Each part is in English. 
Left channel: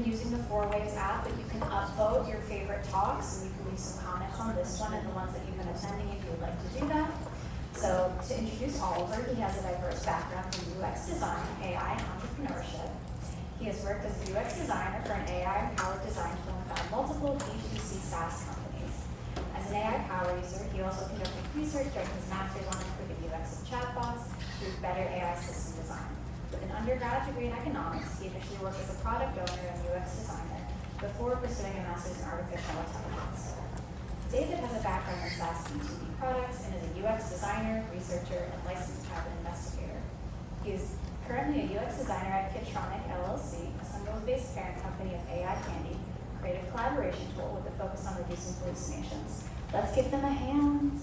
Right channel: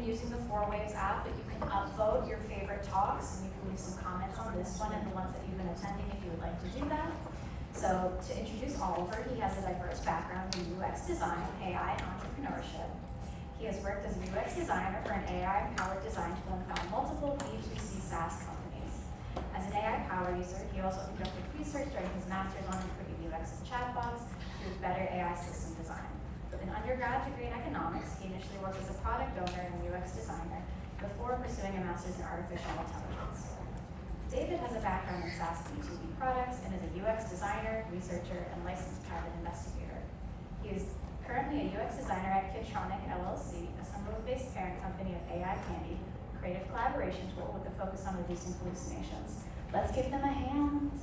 been using the 4Waves app, but you can upvote your favorite talks, and we can leave some comments on this one and the ones that you've been attending if you would like to do that. So to introduce Oliver, he has a diverse background in UX design, AI, and entrepreneurship. He has worked as a UX designer for an AI-powered design tool for multiple B2C SaaS companies. As an AI power user, he also conducted research during his master's on improving UX and chatbots through better AI system design. With an undergrad degree in economics, he initially worked as a product owner and UX designer before pursuing a master's in artificial intelligence. David has a background in SaaS B2B products and is a UX designer, researcher, and licensed patent investigator. He is currently a UX designer at Kitronic LLC, a Sunderland-based parent company of AI Candy, a creative collaboration tool with a focus on reducing hallucinations. Let's give them a hand.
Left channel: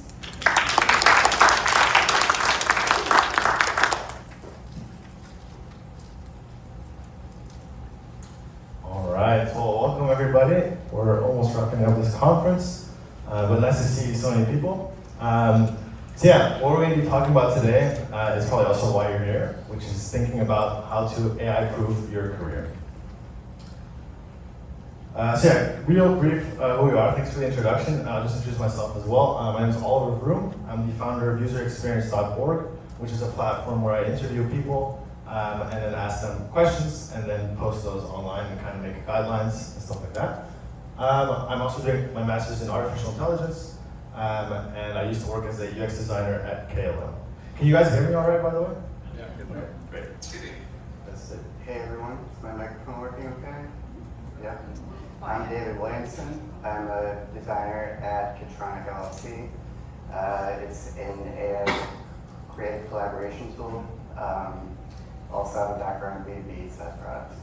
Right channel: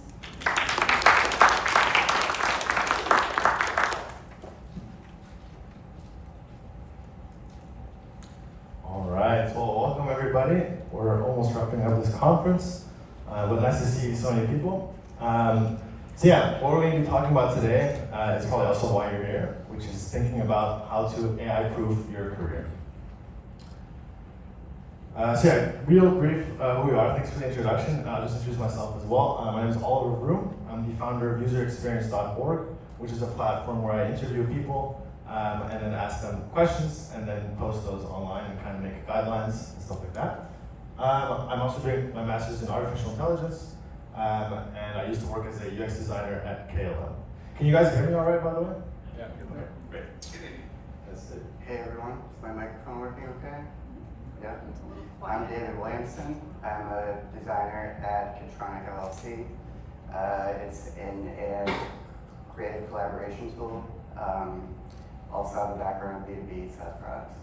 All right, well, welcome everybody. We're almost wrapping up this conference, but nice to see so many people. So yeah, what we're going to be talking about today is probably also why you're here, which is thinking about how to AI-proof your career. So yeah, real brief who we are. Thanks for the introduction. I'll just introduce myself as well. My name is Olivier Vroom. I'm the founder of userexperience.org, which is a platform where I interview people and then ask them questions and then post those online and kind of make guidelines and stuff like that. I'm also doing my master's in artificial intelligence, and I used to work as a UX designer at KLM. Can you guys hear me all right, by the way? Yeah. Great. That's it. Hey everyone, is my microphone working okay? Yeah. I'm David Williamson. I'm a designer at Kitronic LLC. It's in a creative collaboration tool. Also have a background in B2B SaaS products.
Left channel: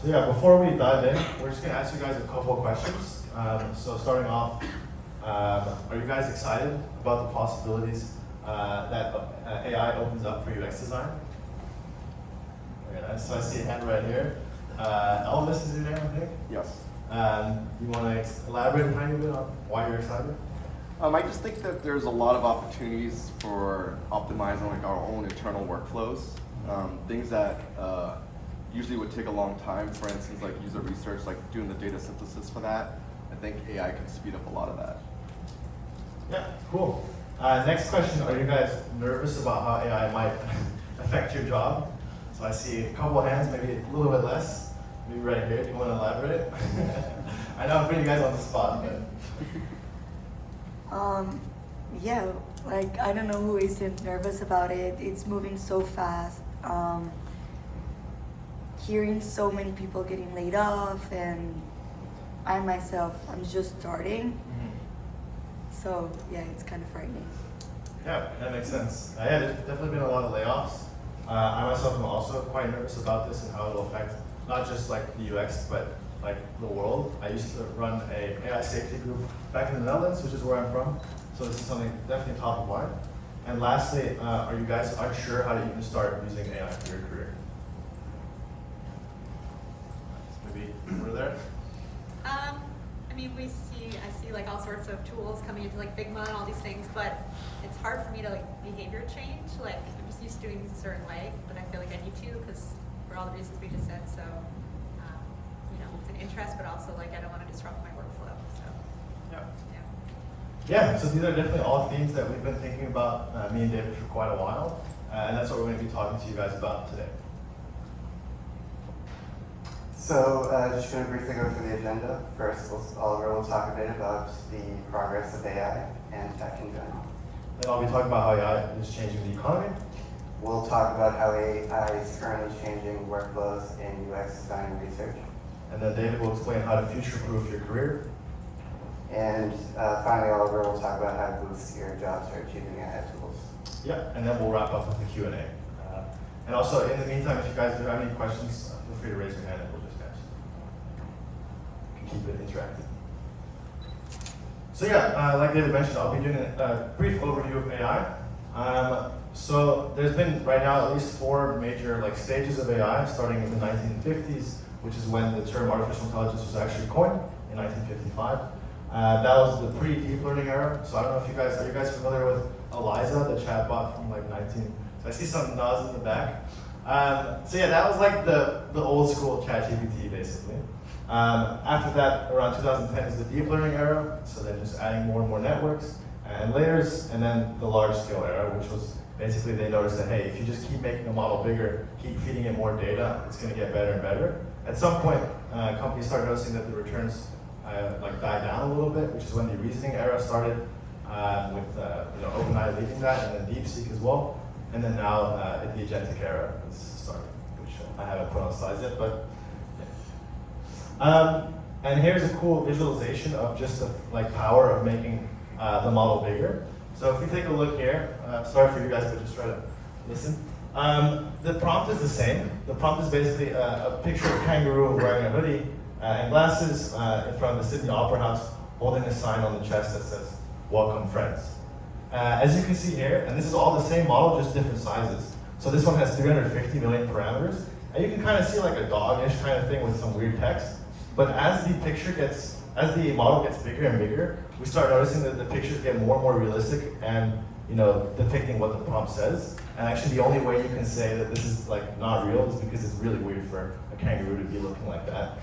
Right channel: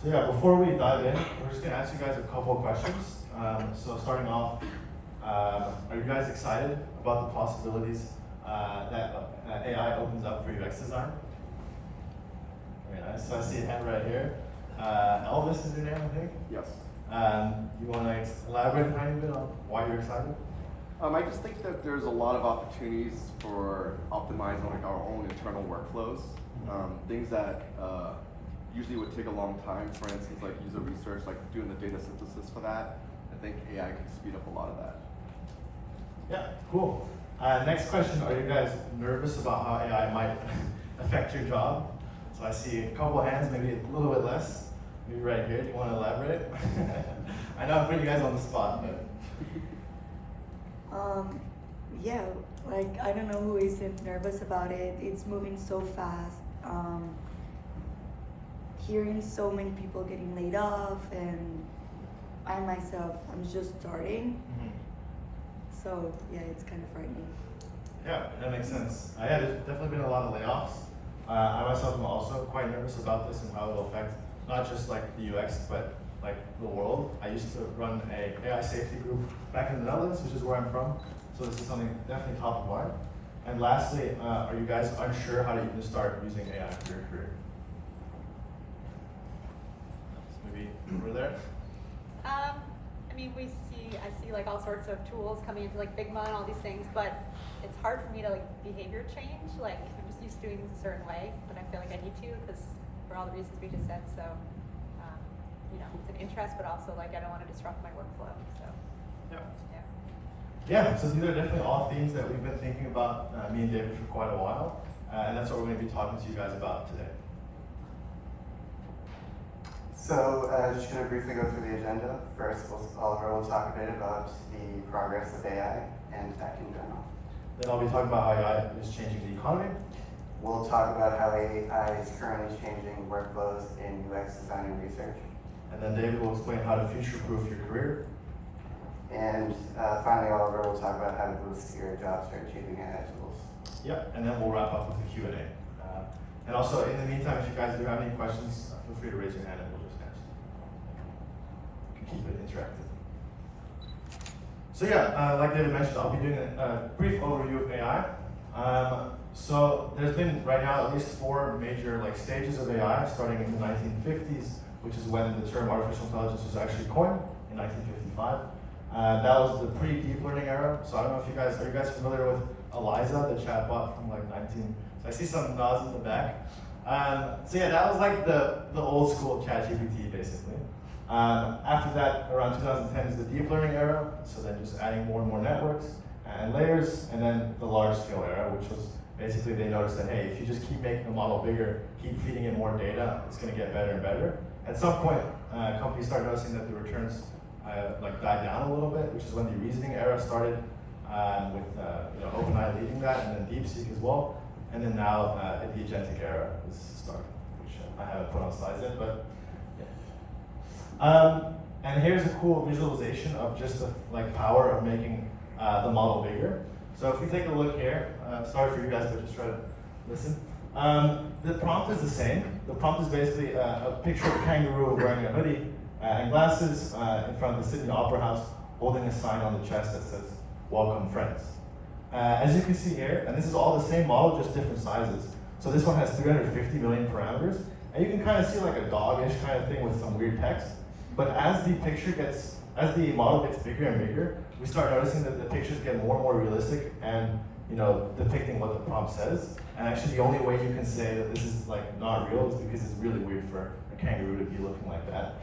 So yeah, before we dive in, we're just going to ask you guys a couple of questions. So starting off, are you guys excited about the possibilities that AI opens up for UX design? Very nice. So I see a hand right here. Elvis is your name, I think? Yes. You want to elaborate a tiny bit on why you're excited? I just think that there's a lot of opportunities for optimizing like our own internal workflows. Things that usually would take a long time, for instance, like user research, like doing the data synthesis for that. I think AI can speed up a lot of that. Yeah, cool. Next question, are you guys nervous about how AI might affect your job? So I see a couple of hands, maybe a little bit less. Maybe right here, do you want to elaborate? I know I'm putting you guys on the spot, but. Yeah, like I don't know who isn't nervous about it. It's moving so fast. Hearing so many people getting laid off, and I myself, I'm just starting. So yeah, it's kind of frightening. Yeah, that makes sense. Yeah, there's definitely been a lot of layoffs. I myself am also quite nervous about this and how it will affect not just like the UX, but like the world. I used to run a AI safety group back in the Netherlands, which is where I'm from. So this is something definitely top of mind. And lastly, are you guys unsure how to even start using AI for your career? Maybe over there. I mean, I see like all sorts of tools coming into like Figma and all these things, but it's hard for me to like behavior change. Like I'm just used to doing things a certain way, but I feel like I need to because for all the reasons we just said. So, it's an interest, but also like I don't want to disrupt my workflow. So, Yeah, so these are definitely all themes that we've been thinking about, me and David, for quite a while, and that's what we're going to be talking to you guys about today. So just going to briefly go through the agenda. First, Oliver will talk a bit about the progress of AI and tech in general. Then I'll be talking about how AI is changing the economy. We'll talk about how AI is currently changing workflows in UX design and research. And then David will explain how to future-proof your career. And finally, Oliver will talk about how to boost your job search using AI tools. Yeah, and then we'll wrap up with the Q&A. And also, in the meantime, if you guys do have any questions, feel free to raise your hand and we'll just answer. You can keep it interactive. So yeah, like David mentioned, I'll be doing a brief overview of AI. So there's been right now at least 4 major stages of AI, starting in the 1950s, which is when the term artificial intelligence was actually coined in 1955. That was the pre-deep learning era. So I don't know if you guys, are you guys familiar with Eliza, the chatbot from so I see some nods in the back. So yeah, that was like the old school ChatGPT basically. After that, around 2010 is the deep learning era. So then just adding more and more networks and layers, and then the large scale era, which was basically they noticed that, hey, if you just keep making the model bigger, keep feeding it more data, it's going to get better and better. At some point, companies started noticing that the returns like died down a little bit, which is when the reasoning era started, with OpenAI leading that, and then DeepSeek as well. And then now the agentic era is starting, which I haven't put on slides yet, but yeah. And here's a cool visualization of just the power of making the model bigger. So if we take a look here, sorry for you guys, but just try to listen. The prompt is the same. The prompt is basically a picture of a kangaroo wearing a hoodie and glasses in front of the Sydney Opera House, holding a sign on the chest that says, "Welcome, friends." As you can see here, and this is all the same model, just different sizes. So this one has 350 million parameters, and you can kind of see like a dog-ish kind of thing with some weird text. But as the model gets bigger and bigger, we start noticing that the pictures get more and more realistic and depicting what the prompt says. And actually the only way you can say that this is like not real is because it's really weird for a kangaroo to be looking like that.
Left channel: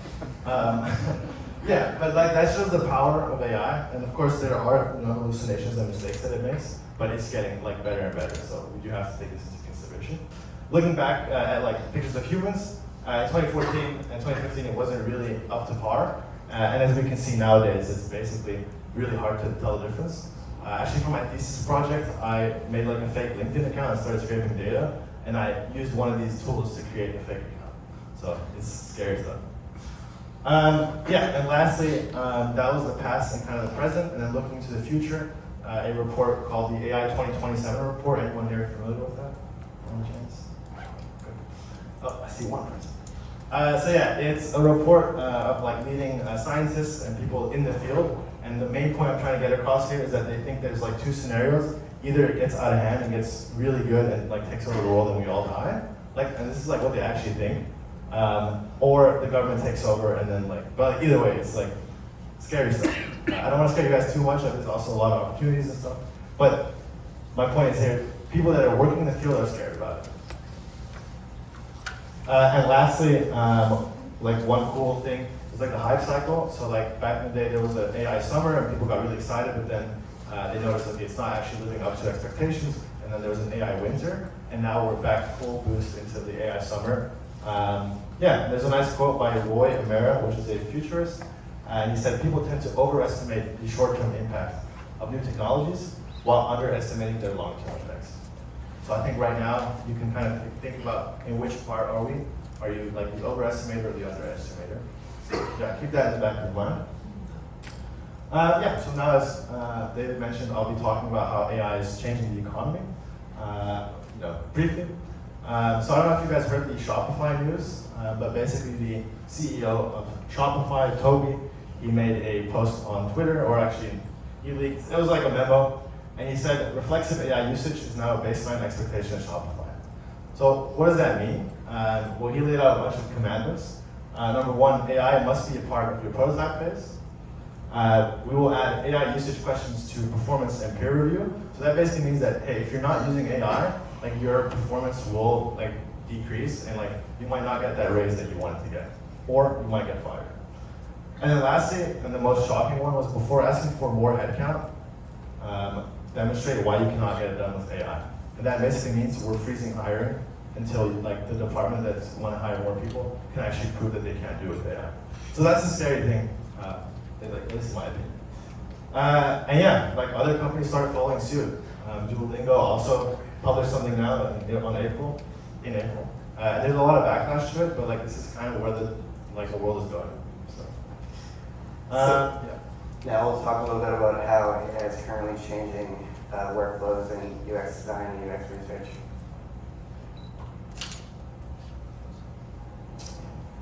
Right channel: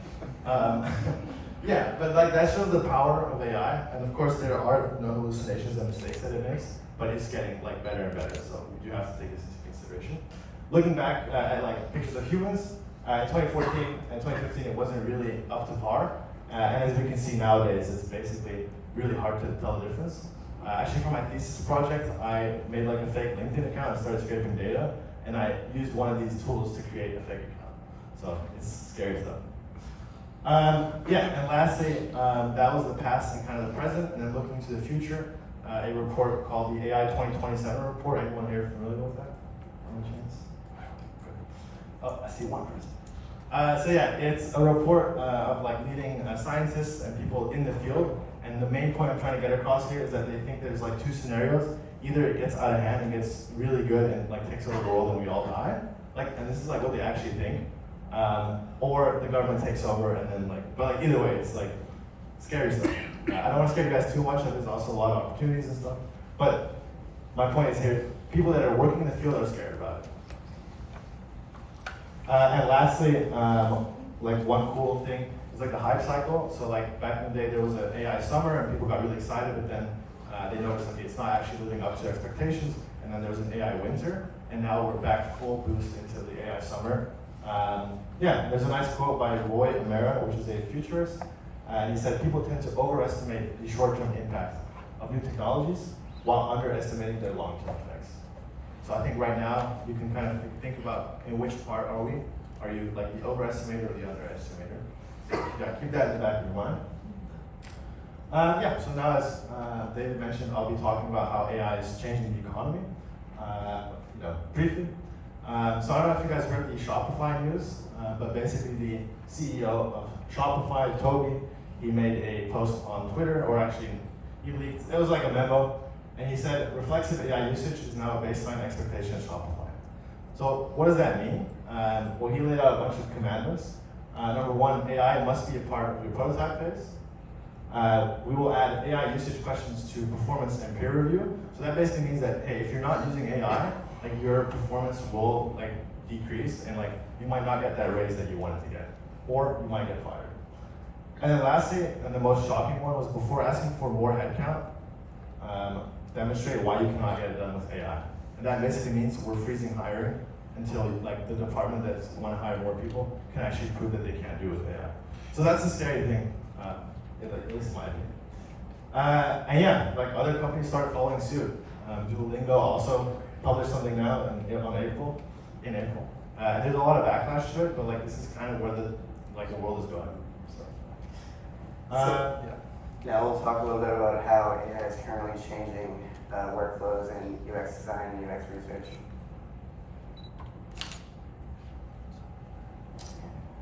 Yeah, but like that shows the power of AI, and of course there are hallucinations and mistakes that it makes, but it's getting like better and better, so you have to take this into consideration. Looking back at like pictures of humans, 2014 and 2015 it wasn't really up to par, and as we can see nowadays it's basically really hard to tell the difference. Actually for my thesis project I made like a fake LinkedIn account and started scraping data, and I used one of these tools to create a fake account, so it's scary stuff. Yeah, and lastly, that was the past and kind of the present, and then looking to the future, a report called the AI 2027 report. Anyone here familiar with that? Any chance? Good. Oh, I see one person. So yeah, it's a report of like leading scientists and people in the field, and the main point I'm trying to get across here is that they think there's like two scenarios. Either it gets out of hand and gets really good and like takes over the world and we all die, and this is like what they actually think. Or the government takes over and then but either way, it's like scary stuff. I don't want to scare you guys too much, there's also a lot of opportunities and stuff. But my point is here, people that are working in the field are scared about it. And lastly, like one cool thing is like the hype cycle. So like back in the day there was an AI summer and people got really excited, but then they noticed that it's not actually living up to expectations. And then there was an AI winter, and now we're back full boost into the AI summer. Yeah, there's a nice quote by Roy Amara, which is a futurist, and he said, people tend to overestimate the short-term impact of new technologies while underestimating their long-term effects. So I think right now, you can kind of think about in which part are we? Are you like the overestimator or the underestimator? So yeah, keep that in the back of your mind. Yeah, so now as David mentioned, I'll be talking about how AI is changing the economy, briefly. So I don't know if you guys heard the Shopify news, but basically the CEO of Shopify, Toby, he made a post on Twitter, or actually he leaked, it was like a memo, and he said reflexive AI usage is now a baseline expectation at Shopify. So what does that mean? Well, he laid out a bunch of commandos. Number one, AI must be a part of your prototype phase. We will add AI usage questions to performance and peer review. So that basically means that, hey, if you're not using AI, your performance will decrease, and you might not get that raise that you wanted to get, or you might get fired. And then lastly, and the most shocking one, was before asking for more headcount, demonstrate why you cannot get it done with AI. And that basically means we're freezing hiring until the department that want to hire more people can actually prove that they can't do it with AI. So that's the scary thing, at least in my opinion. And yeah, other companies start following suit. Duolingo also published something now in April. There's a lot of backlash to it, but this is kind of where the world is going. So, yeah. Now we'll talk a little bit about how AI is currently changing workflows in UX design and UX research.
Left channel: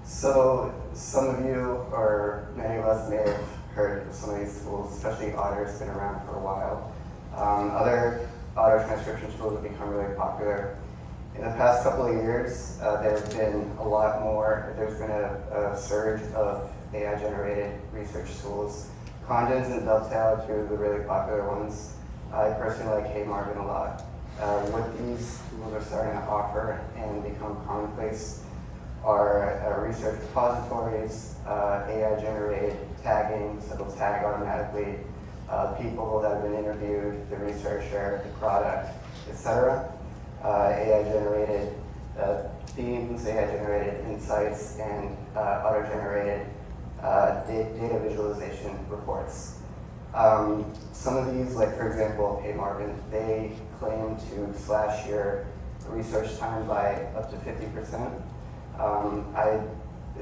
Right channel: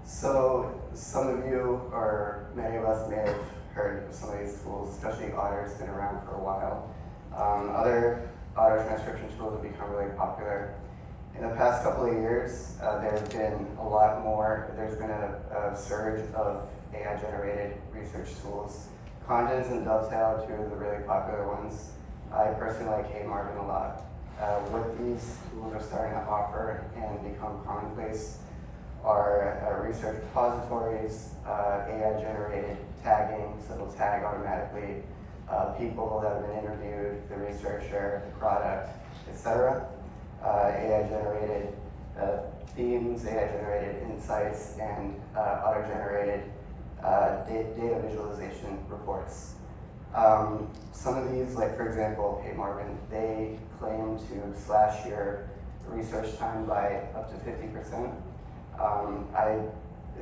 So some of you, or many of us, may have heard of some of these tools, especially Otter's been around for a while. Other auto transcription tools have become really popular. In the past couple of years, there's been a lot more. There's been a surge of AI-generated research tools. Condens and Dovetail are two of the really popular ones. I personally like Hey Marvin a lot. What these tools are starting to offer and become commonplace are research repositories, AI-generated tagging, so it'll tag automatically people that have been interviewed, the researcher, the product, etc. AI-generated themes, AI-generated insights, and auto-generated data visualization reports. Some of these, like for example, Hey Marvin, they claim to slash your research time by up to 50%.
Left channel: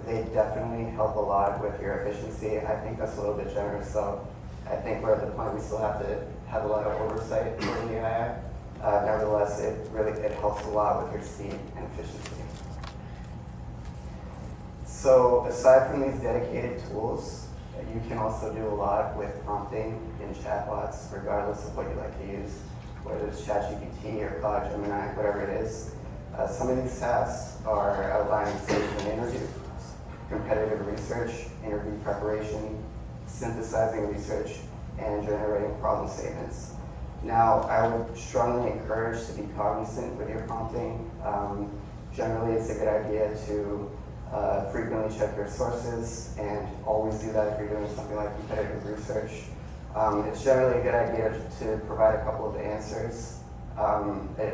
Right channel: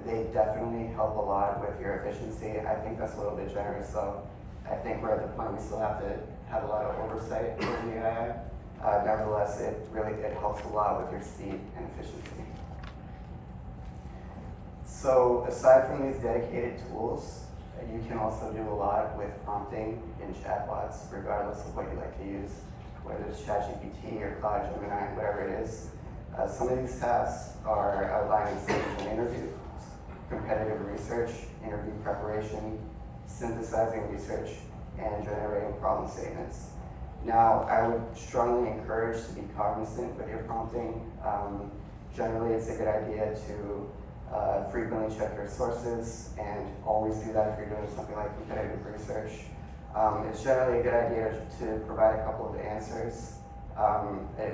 They definitely help a lot with your efficiency. I think that's a little bit generous, so I think we're at the point we still have to have a lot of oversight over the AI. Nevertheless, it helps a lot with your speed and efficiency. So aside from these dedicated tools, you can also do a lot with prompting in chatbots, regardless of what you like to use, whether it's ChatGPT or Claude Gemini, whatever it is. Some of these tasks are outlining stages of an interview, competitive research, interview preparation, synthesizing research, and generating problem statements. Now, I would strongly encourage to be cognizant with your prompting. Generally, it's a good idea to frequently check your sources and always do that if you're doing something like competitive research. It's generally a good idea to provide a couple of answers,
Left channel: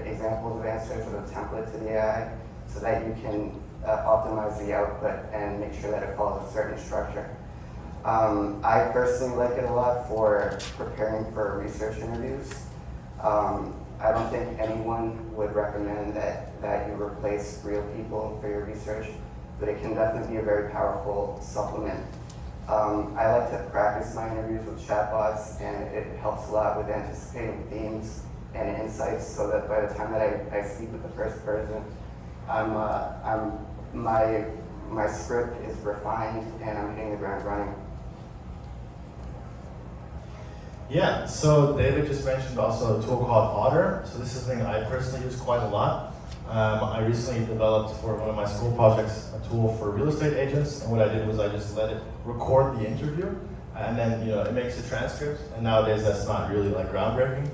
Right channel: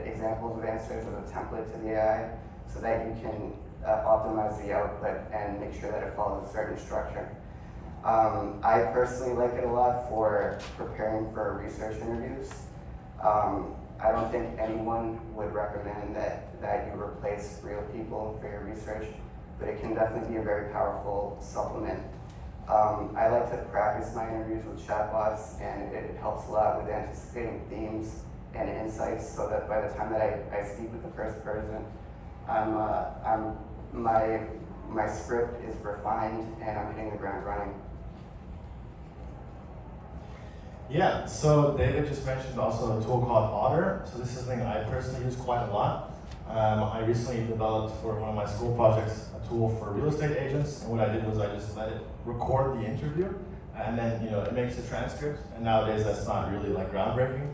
examples of answers or a template to the AI so that you can optimize the output and make sure that it follows a certain structure. I personally like it a lot for preparing for research interviews. I don't think anyone would recommend that you replace real people for your research, but it can definitely be a very powerful supplement. I like to practice my interviews with chatbots, and it helps a lot with anticipating themes and insights so that by the time that I speak with the first person, my script is refined and I'm hitting the ground running. Yeah, so David just mentioned also a tool called Otter. So this is something I personally use quite a lot. I recently developed for one of my school projects a tool for real estate agents, and what I did was I just let it record the interview, and then it makes a transcript. And nowadays that's not really like groundbreaking,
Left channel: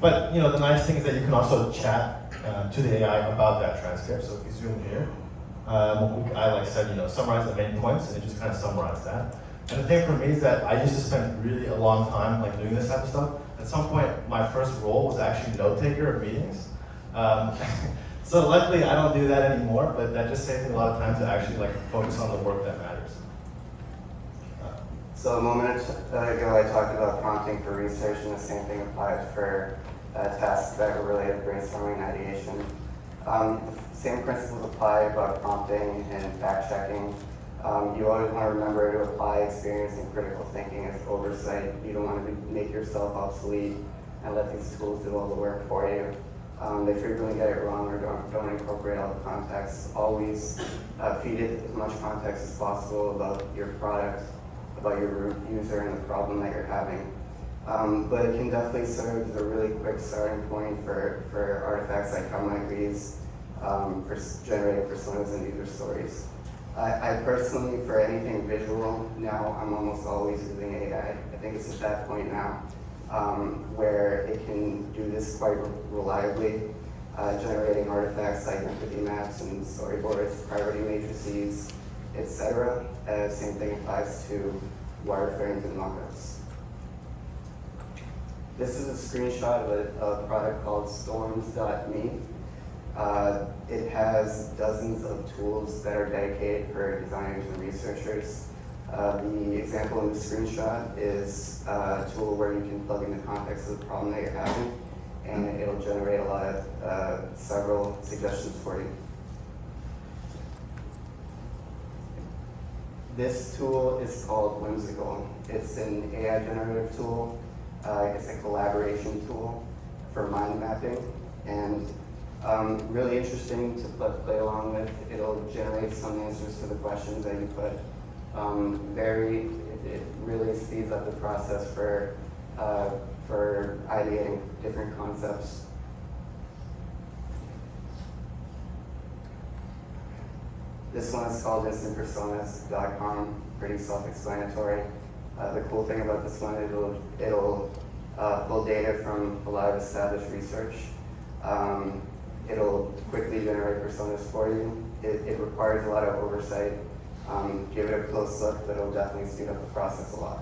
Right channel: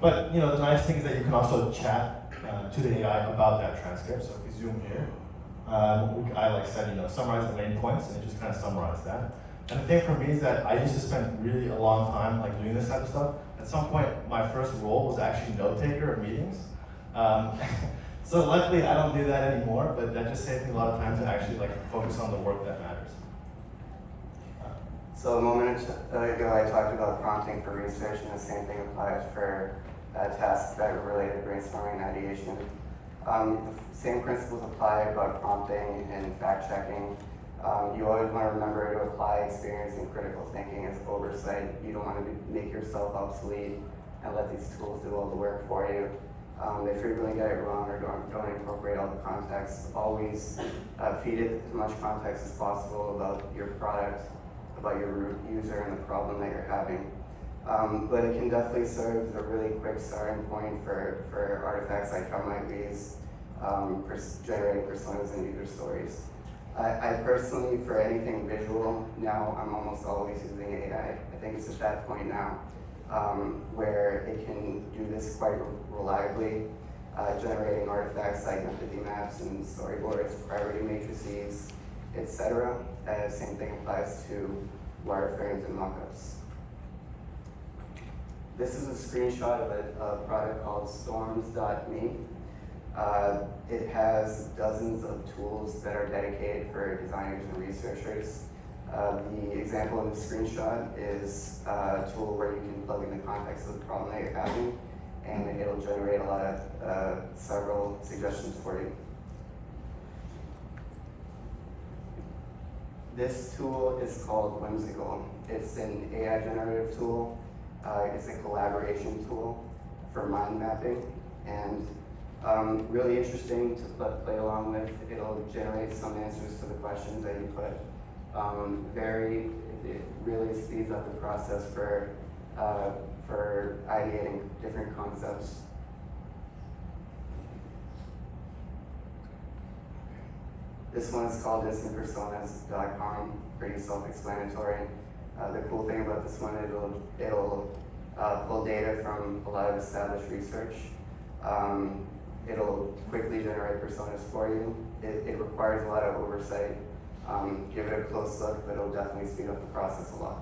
but the nice thing is that you can also chat to the AI about that transcript. So if you zoom here, I like said summarize the main points, and it just kind of summarized that. And the thing for me is that I used to spend really a long time like doing this type of stuff. At some point, my first role was actually note taker of meetings. So luckily, I don't do that anymore. But that just saves me a lot of time to actually like focus on the work that matters. So a moment ago, I talked about prompting for research, and the same thing applies for tasks that are related to brainstorming and ideation. Same principles apply about prompting and fact checking. You always want to remember to apply experience and critical thinking as oversight. You don't want to make yourself obsolete and let these tools do all the work for you. They frequently get it wrong or don't incorporate all the context. Always feed it as much context as possible about your product, about your user and the problem that you're having. But it can definitely serve as a really quick starting point for artifacts like how might reads, generating personas and user stories. I personally, for anything visual, now I'm almost always using AI. I think it's at that point now where it can do this quite reliably, generating artifacts like empathy maps and storyboards, priority matrices, etc. Same thing applies to wireframes and mockups. This is a screenshot of a product called storms.me. It has dozens of tools that are dedicated for designers and researchers. The example in the screenshot is a tool where you can plug in the context of the problem that you're having, and it'll generate a lot of several suggestions for you. This tool is called Whimsical. It's an AI generative tool. It's a collaboration tool for mind mapping, and really interesting to play along with. It'll generate some answers to the questions that you put. It really speeds up the process for ideating different concepts. This one is called instant-personas.com, pretty self-explanatory. The cool thing about this one, it'll pull data from a lot of established research. It'll quickly generate personas for you. It requires a lot of oversight. Give it a close look, but it'll definitely speed up the process a lot.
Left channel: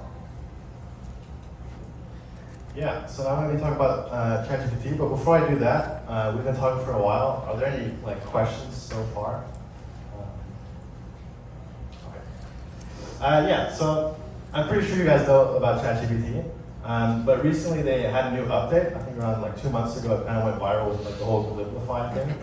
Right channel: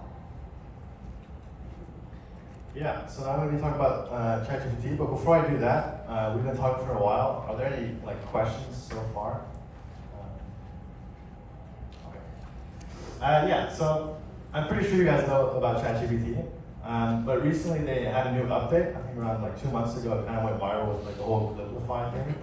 Yeah, so I'm going to be talking about ChatGPT, but before I do that, we've been talking for a while. Are there any questions so far? Okay. Yeah, so I'm pretty sure you guys know about ChatGPT, but recently they had a new update. I think around 2 months ago, it kind of went viral with the whole Liquify thing.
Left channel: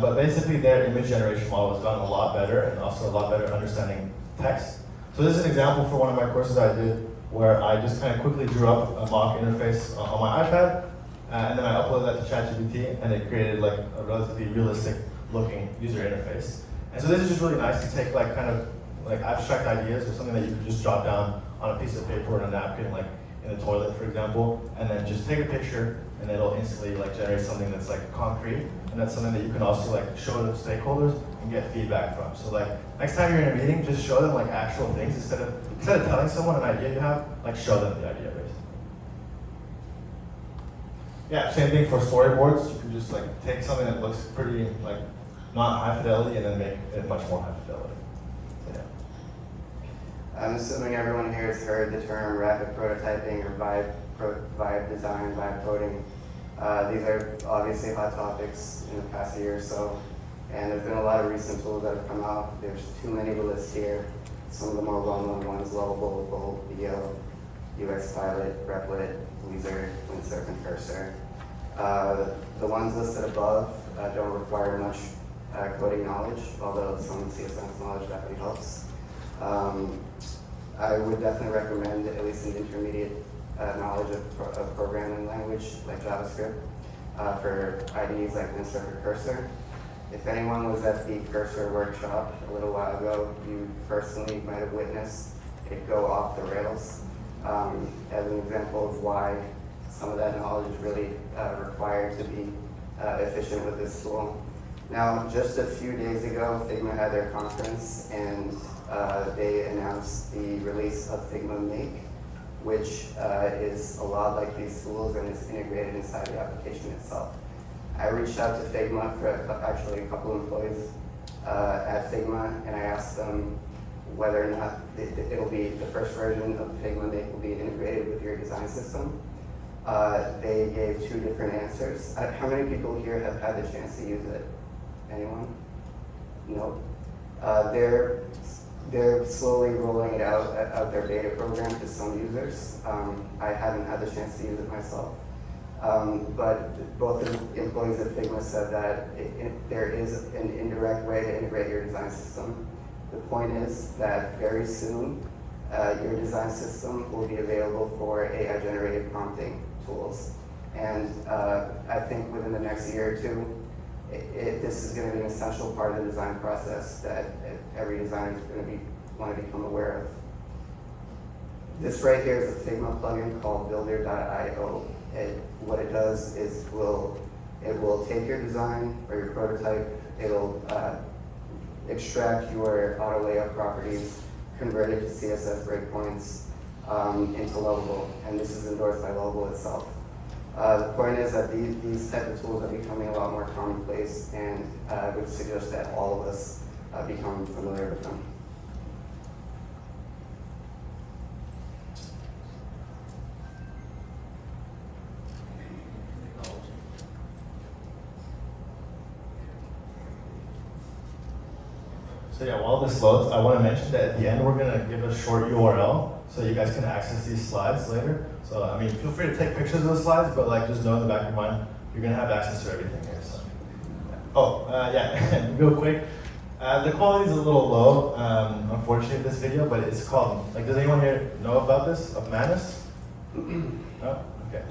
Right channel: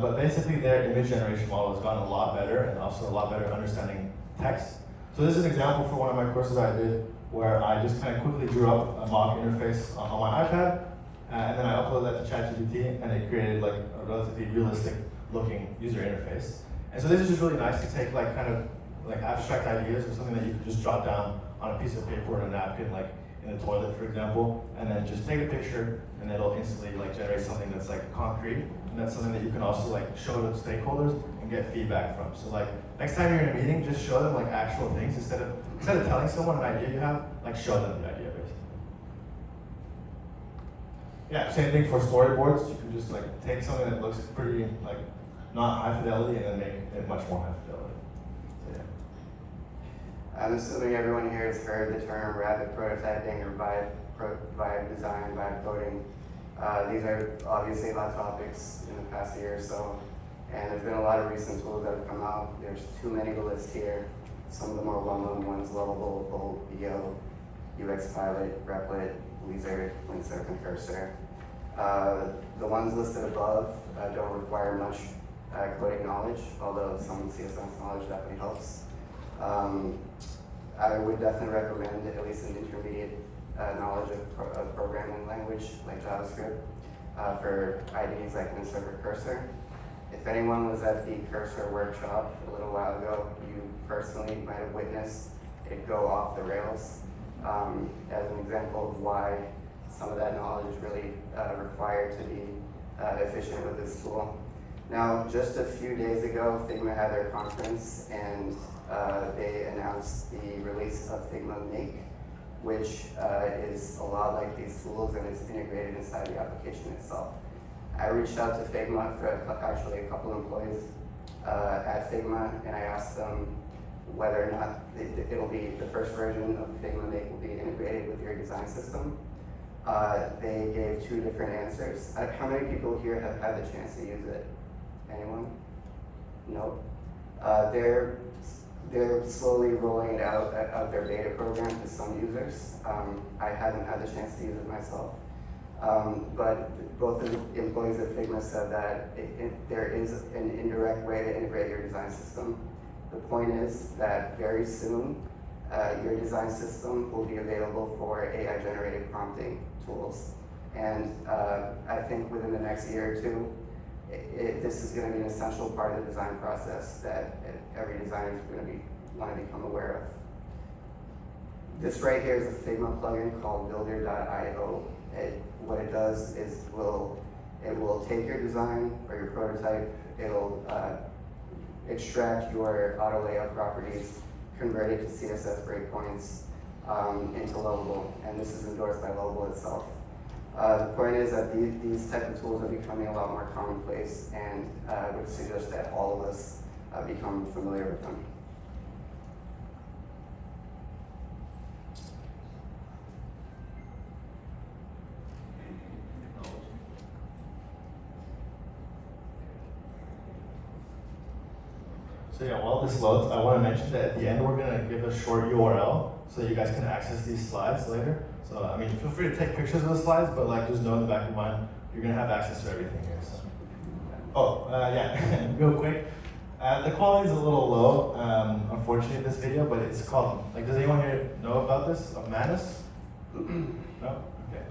But basically, their image generation model has gotten a lot better, and also a lot better at understanding text. So this is an example for one of my courses I did, where I just kind of quickly drew up a mock interface on my iPad, and then I uploaded that to ChatGPT, and it created a relatively realistic looking user interface. And so this is just really nice to take kind of abstract ideas or something that you could just jot down on a piece of paper or a napkin, like in the toilet, for example, and then just take a picture, and it'll instantly generate something that's concrete, and that's something that you can also show to stakeholders and get feedback from. So next time you're in a meeting, just show them actual things instead of telling someone an idea you have, show them the idea basically. Yeah, same thing for storyboards. You can just take something that looks pretty not high fidelity and then make it much more high fidelity. So, yeah. I'm assuming everyone here has heard the term rapid prototyping or vibe design, vibe coding. These are obviously hot topics in the past year or so, and there's been a lot of recent tools that have come out. There's too many to list here. Some of the more well-known ones: Lovable, BO, UXPilot, Replit, Wizard, Windsurf, and Cursor. The ones listed above don't require much coding knowledge, although some CSS knowledge definitely helps. I would definitely recommend at least an intermediate knowledge of programming language like JavaScript for IDEs like Windsurf or Cursor. If anyone was at the Cursor workshop a little while ago, you personally might have witnessed it go off the rails as an example of why some of that knowledge is really required to be efficient with this tool. Now, just a few days ago, Figma had their conference, and they announced the release of Figma Make, which is a lot like these tools, and it's integrated inside the application itself. I reached out to Figma for actually a couple of employees at Figma, and I asked them whether or not it'll be the first version of Figma Make will be integrated with your design system. They gave two different answers. How many people here have had the chance to use it? Anyone? No. They're slowly rolling out their beta program to some users. I haven't had the chance to use it myself. But both of the employees at Figma said that there is an indirect way to integrate your design system. The point is that very soon, your design system will be available for AI-generated prompting tools. And I think within the next year or two, this is going to be an essential part of the design process that every designer is going to want to become aware of. This right here is a Figma plugin called Builder.io. What it does is it will take your design or your prototype, it'll extract your auto layout properties, convert it to CSS breakpoints into Lovable, and this is endorsed by Lovable itself. The point is that these type of tools are becoming a lot more commonplace, and I would suggest that all of us become familiar with them. So yeah, while this loads, I want to mention that at the end we're going to give a short URL so you guys can access these slides later. So I mean, feel free to take pictures of the slides, but just know in the back of your mind, you're going to have access to everything here. So. Oh, yeah, real quick. The quality is a little low, unfortunately, in this video, but it's called, does anyone here know about this, of Manus? No? Okay.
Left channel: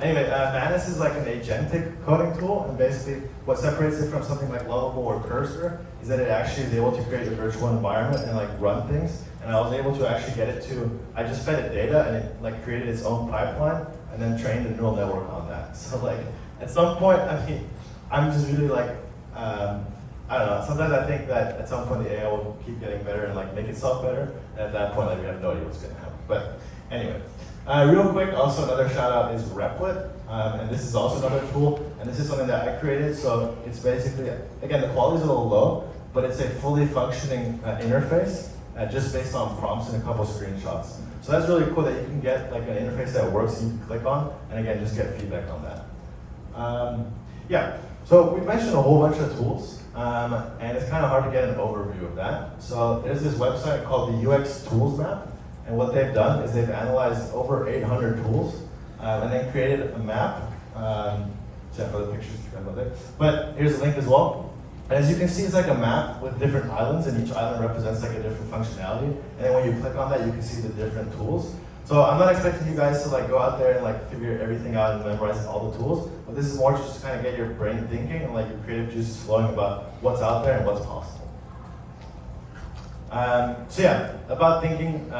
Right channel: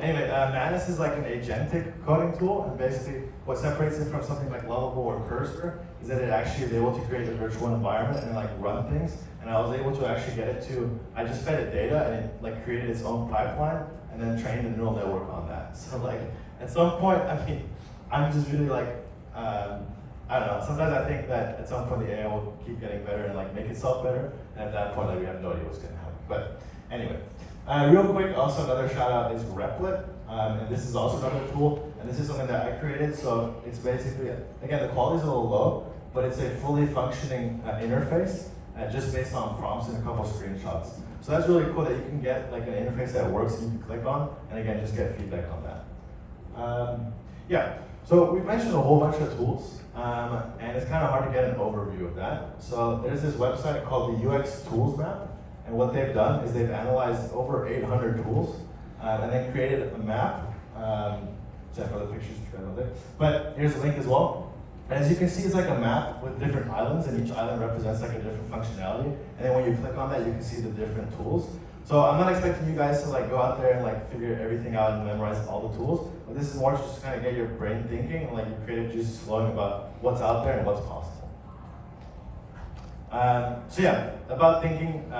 Anyway, Manus is an agentic coding tool, and basically what separates it from something like Lovable or Cursor is that it actually is able to create a virtual environment and run things. And I was able to actually get it to, I just fed it data and it created its own pipeline and then trained a neural network on that. So at some point, I mean, I'm just really I don't know, sometimes I think that at some point the AI will keep getting better and make itself better, and at that point we have no idea what's gonna happen. But anyway, real quick, also another shout out is Replit, and this is also another tool and this is something that I created. So it's basically, again, the quality is a little low, but it's a fully functioning interface just based on prompts and a couple of screenshots. So that's really cool that you can get like an interface that works, you can click on, and again, just get feedback on that. Yeah, so we've mentioned a whole bunch of tools, and it's kind of hard to get an overview of that. So there's this website called the UX Tools Map, and what they've done is they've analyzed over 800 tools, and then created a map. Except for the pictures, but here's a link as well. And as you can see, it's like a map with different islands, and each island represents like a different functionality. And then when you click on that, you can see the different tools. So I'm not expecting you guys to like go out there and like figure everything out and memorize all the tools, but this is more just to kind of get your brain thinking and like your creative juices flowing about what's out there and what's possible. So yeah, about thinking,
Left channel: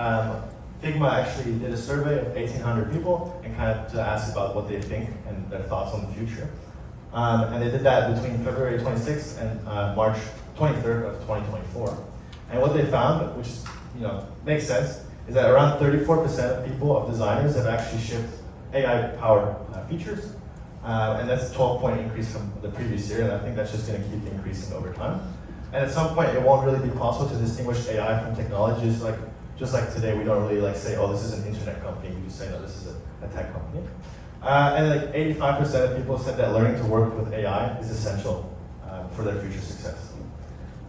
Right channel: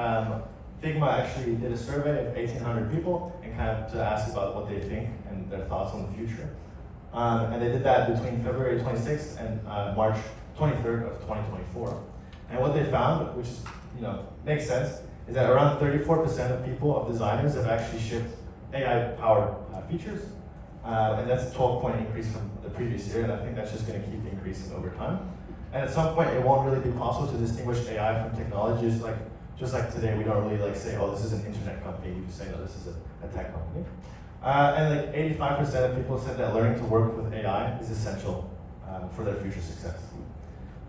Figma actually did a survey of 1,800 people and kind of to ask about what they think and their thoughts on the future. And they did that between February 26th and March 23rd of 2024. And what they found, which makes sense, is that around 34% of people, of designers, have actually shipped AI-powered features. And that's a 12-point increase from the previous year, and I think that's just going to keep increasing over time. And at some point, it won't really be possible to distinguish AI from technology. Just like today, we don't really like say, oh, this is an internet company. We just say, no, this is a tech company. And like 85% of people said that learning to work with AI is essential for their future success.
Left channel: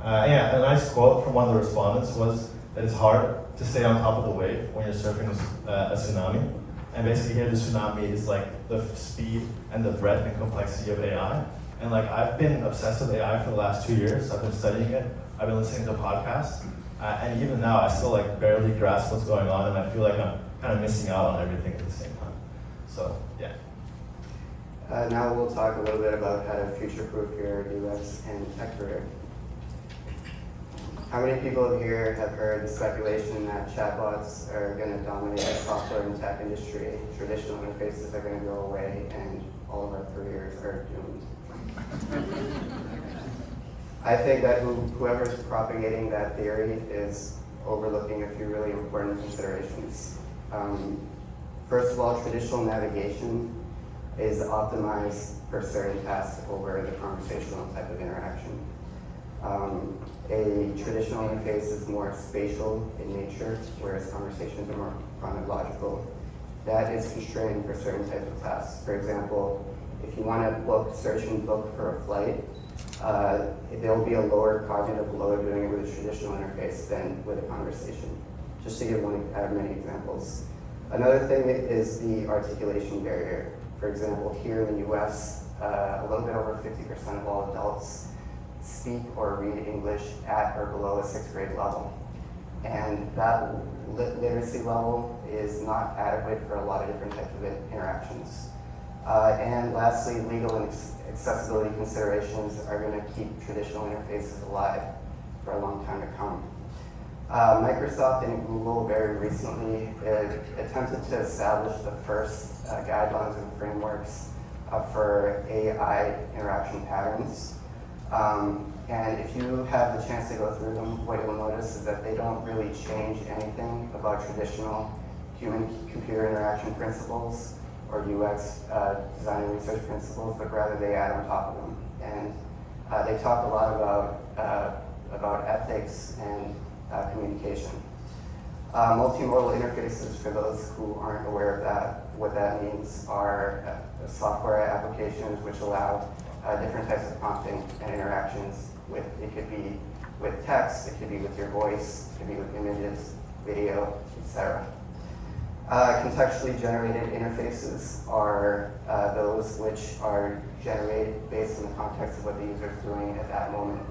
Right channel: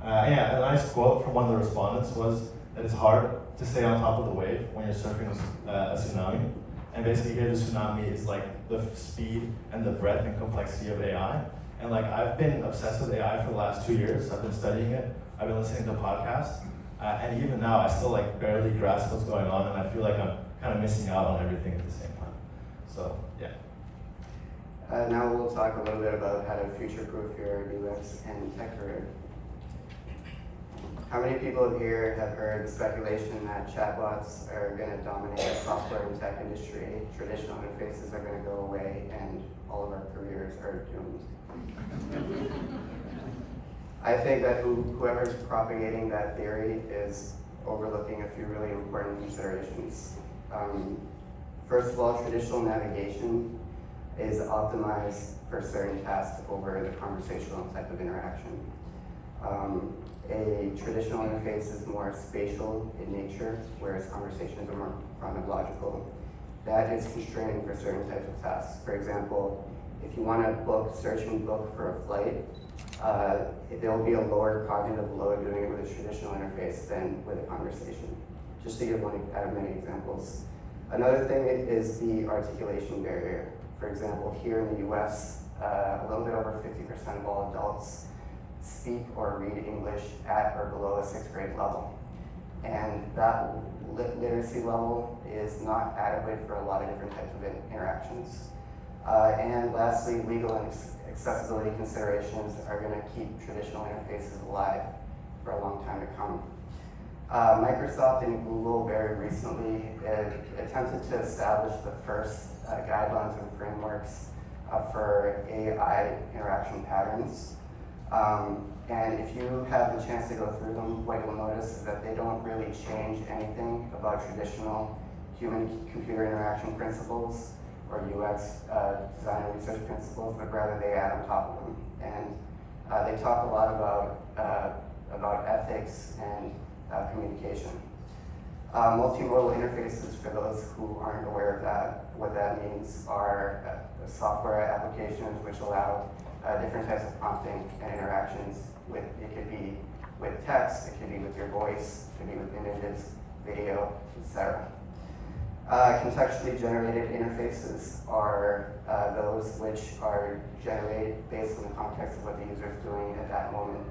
Yeah, a nice quote from one of the respondents was that it's hard to stay on top of the wave when you're surfing a tsunami. And basically here the tsunami is like the speed and the breadth and complexity of AI. And like I've been obsessed with AI for the last 2 years. I've been studying it. I've been listening to podcasts. And even now I still like barely grasp what's going on, and I feel like I'm kind of missing out on everything at the same time. So yeah. Now we'll talk a little bit about how to future-proof your UX and tech career. How many people here have heard the speculation that chatbots are going to dominate the software and tech industry, traditional interfaces are going to go away, and all of our careers are doomed? I think that whoever's propagating that theory is overlooking a few really important considerations. First of all, traditional navigation is optimized for certain tasks over the conversational type of interaction. A traditional interface is more spatial in nature, whereas conversations are more chronological. That is constraining for certain types of tasks. For example, if you want to search and book for a flight, there will be a lower cognitive load doing it with a traditional interface than with a conversation. Just to give many examples. Another thing is the articulation barrier. For example, here in the US, a little bit over 50% of all adults speak or read English at or below a 6th grade level. And that literacy level is not adequate for a lot of different types of interactions. And lastly, legal and accessibility considerations are going to keep traditional interfaces alive for a long time to come. Microsoft and Google very recently attempted to establish the first guidelines and frameworks for AI interaction patterns. And if you have the chance to go through them, what you'll notice is that they don't really change anything about traditional human-computer interaction principles or UX design and research principles, but rather they add on top of them. And they talk a lot about ethics and communication. Multimodal interfaces, for those who aren't aware of that, what that means are software applications which allow different types of prompting and interactions with, it could be with text, it could be with your voice, it could be with images, video, etc. Contextually generated interfaces are those which are generated based on the context of what the user is doing at that moment.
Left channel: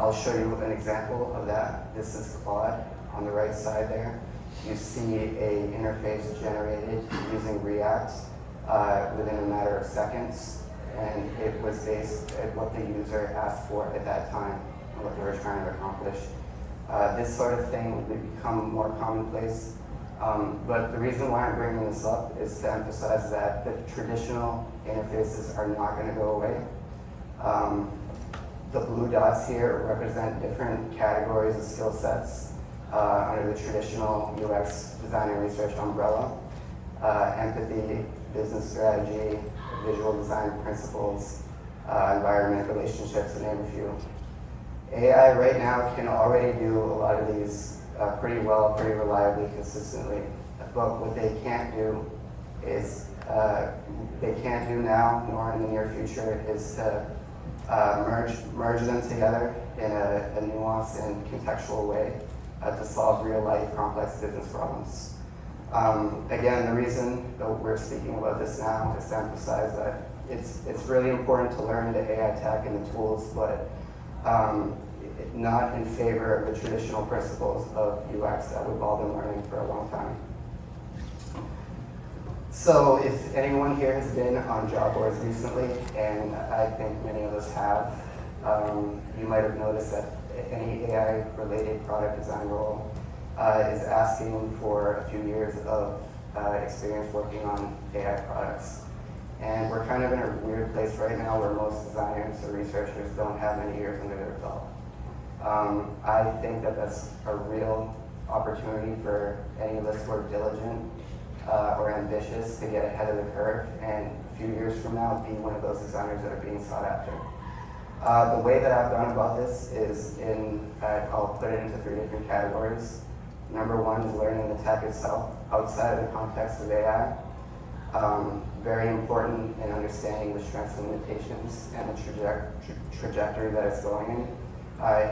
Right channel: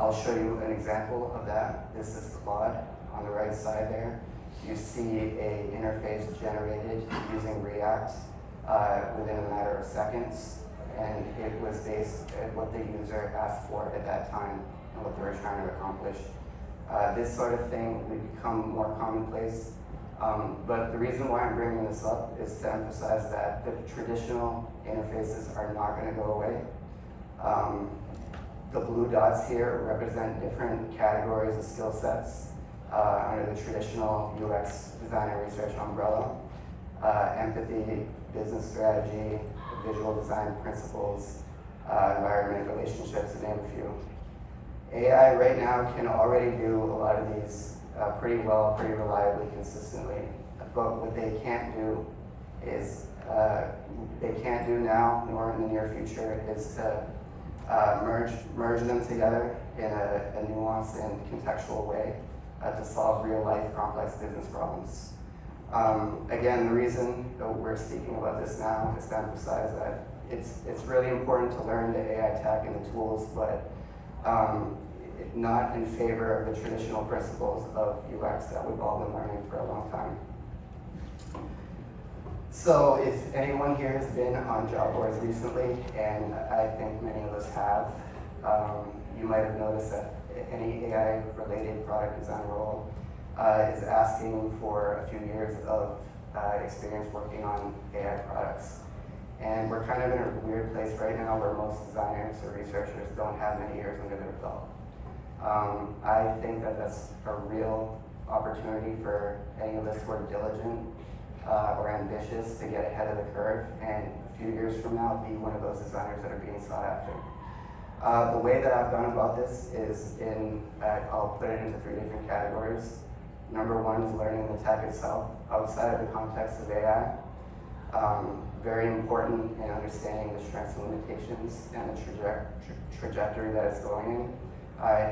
I'll show you an example of that. This is Claude on the right side there. You see an interface generated using React within a matter of seconds, and it was based at what the user asked for at that time and what they were trying to accomplish. This sort of thing would become more commonplace, but the reason why I'm bringing this up is to emphasize that the traditional interfaces are not going to go away. The blue dots here represent different categories of skill sets under the traditional UX design and research umbrella. Empathy, business strategy, visual design principles, environment, relationships, to name a few. AI right now can already do a lot of these pretty well, pretty reliably, consistently. But what they can't do is, they can't do now, nor in the near future, is to merge them together in a nuanced and contextual way to solve real life complex business problems. Again, the reason that we're speaking about this now is to emphasize that it's really important to learn the AI tech and the tools, but not in favor of the traditional principles of UX that we've all been learning for a long time. So if anyone here has been on job boards recently, and I think many of us have, you might have noticed that any AI-related product design role is asking for a few years of experience working on AI products. And we're kind of in a weird place right now where most designers or researchers don't have many years under their belt. I think that that's a real opportunity for any of us who are diligent or ambitious to get ahead of the curve, and a few years from now be one of those designers that are being sought after. The way that I've gone about this is I'll put it into 3 different categories. Number 1 is learning the tech itself outside of the context of AI. Very important in understanding the strengths and limitations and the trajectory that it's going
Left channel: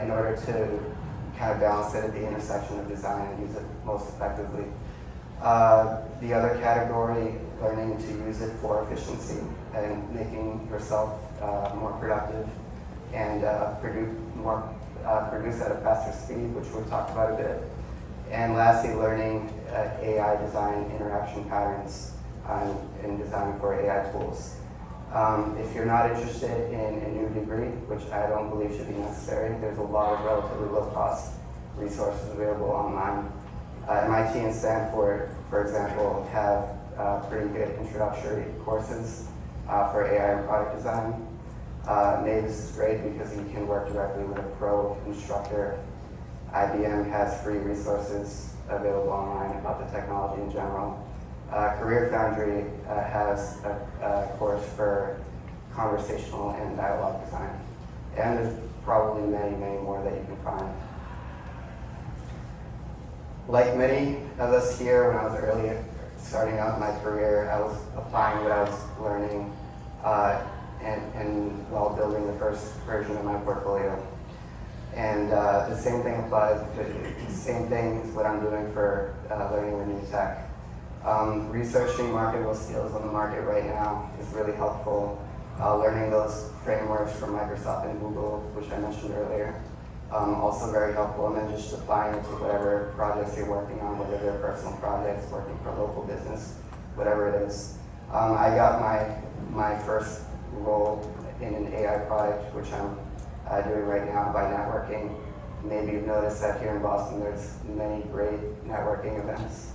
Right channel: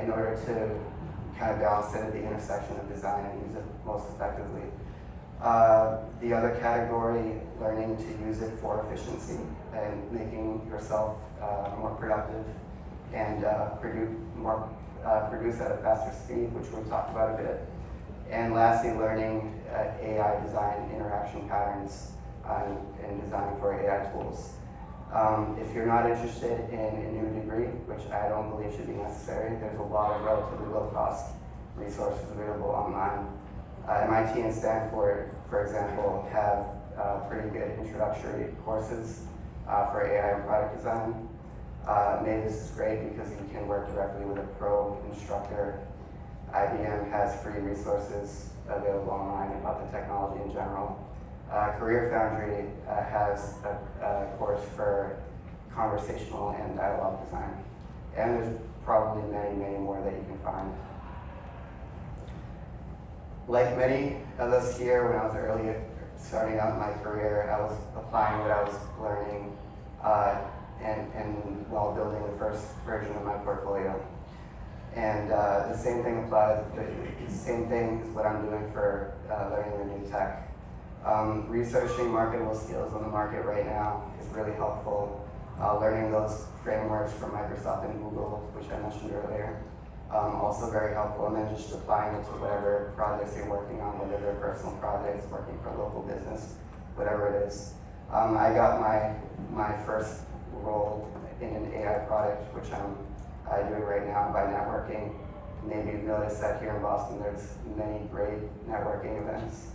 in order to kind of balance it at the intersection of design and use it most effectively. The other category, learning to use it for efficiency and making yourself more productive and produce at a faster speed, which we've talked about a bit. And lastly, learning AI design interaction patterns in designing for AI tools. If you're not interested in a new degree, which I don't believe should be necessary, there's a lot of relatively low-cost resources available online. MIT and Stanford, for example, have pretty good introductory courses for AI and product design. Mavis is great because you can work directly with a pro instructor. IBM has free resources available online about the technology in general. Career Foundry has a course for conversational and dialogue design. And there's probably many, many more that you can find. Like many of us here, when I was early starting out my career, I was applying what I was learning and while building the first version of my portfolio. And the same thing applies, the same thing is what I'm doing for learning the new tech. Researching marketable skills on the market right now is really helpful. Learning those frameworks from Microsoft and Google, which I mentioned earlier, also very helpful. And then just applying it to whatever projects you're working on, whether they're personal projects, working for a local business, whatever it is. I got my first role in an AI product, which I'm doing right now by networking. Maybe you've noticed that here in Boston, there's many great networking events.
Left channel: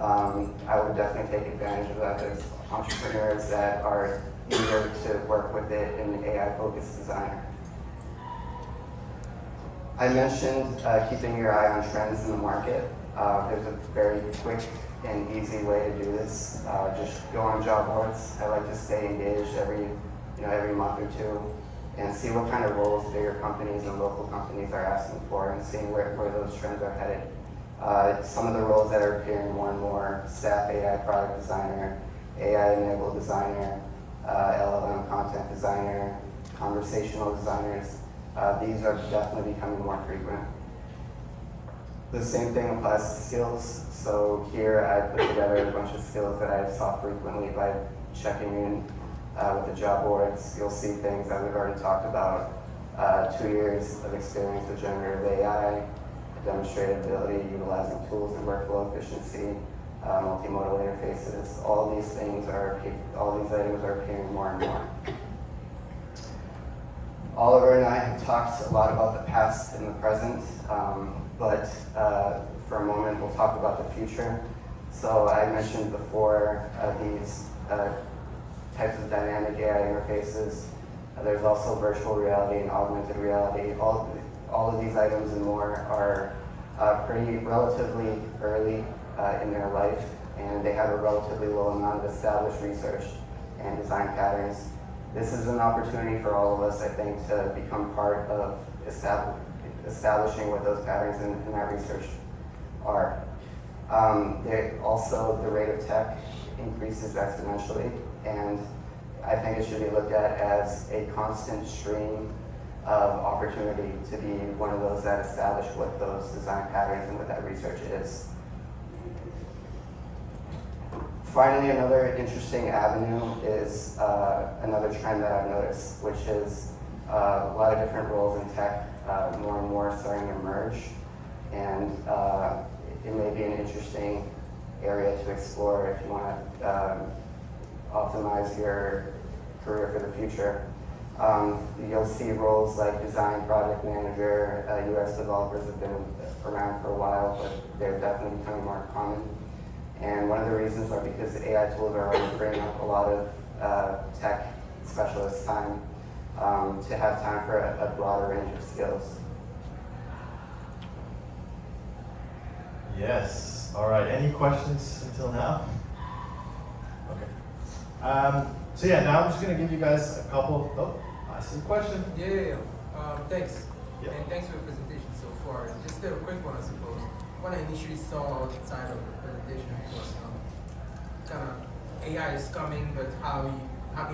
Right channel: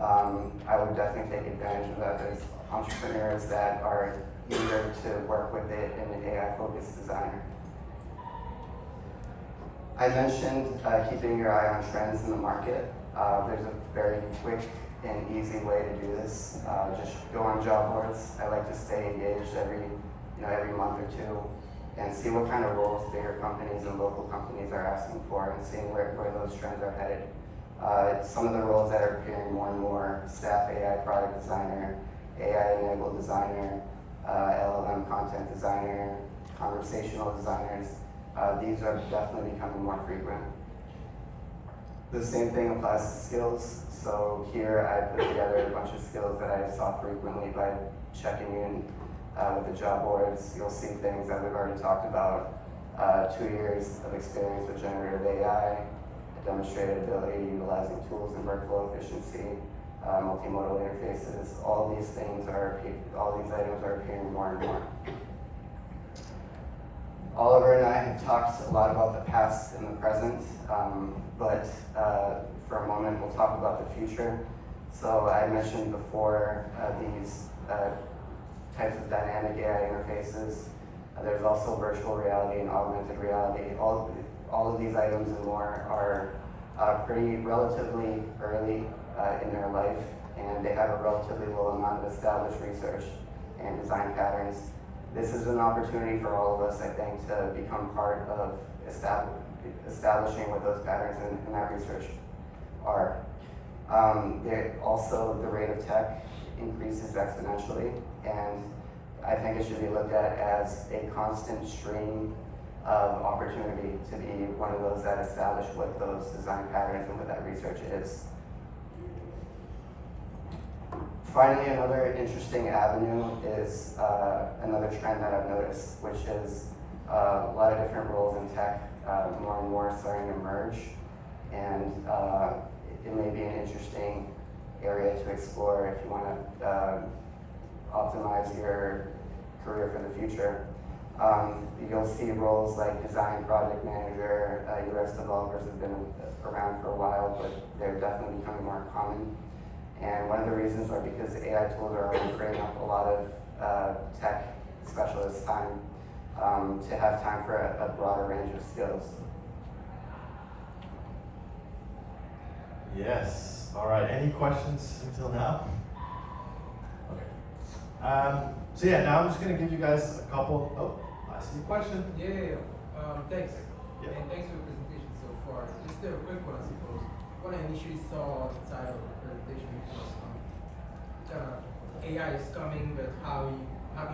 I would definitely take advantage of that. There's entrepreneurs that are eager to work with it in an AI-focused designer. I mentioned keeping your eye on trends in the market. There's a very quick and easy way to do this. Just go on job boards. I like to stay engaged every month or two and see what kind of roles bigger companies and local companies are asking for and seeing where those trends are headed. Some of the roles that are appearing more and more: staff AI product designer, AI-enabled designer, LLM content designer, conversational designers. These are definitely becoming more frequent. The same thing applies to skills. So here I put together a bunch of skills that I saw frequently by checking in with the job boards. You'll see things that we've already talked about. 2 years of experience with generative AI, demonstrated ability utilizing tools and workflow efficiency, multimodal interfaces. All these items are appearing more and more. Oliver and I have talked a lot about the past and the present, but for a moment we'll talk about the future. So I mentioned before these types of dynamic AI interfaces. There's also virtual reality and augmented reality. All of these items and more are pretty relatively early in their life, and they have a relatively low amount of established research and design patterns. This is an opportunity for all of us, I think, to become part of establishing what those patterns in that research are. Also, the rate of tech increases exponentially, and I think it should be looked at as a constant stream of opportunity to be one of those that establish what those design patterns and what that research is. Finally, another interesting avenue is another trend that I've noticed, which is a lot of different roles in tech, more and more starting to emerge, and it may be an interesting area to explore if you want to optimize your career for the future. You'll see roles like design project manager, UX developers have been around for a while, but they're definitely becoming more common. And one of the reasons are because AI tools are already bringing up a lot of tech specialists time to have time for a broader range of skills. Yes. All right. Any questions until now? Okay. So yeah, now I'm just gonna give you guys a couple. Oh, I see a question. Yeah. Thanks. Yeah. And thanks for the presentation so far. Just a quick one, I suppose. What I initially saw on the side of the presentation was kind of AI is coming, but how do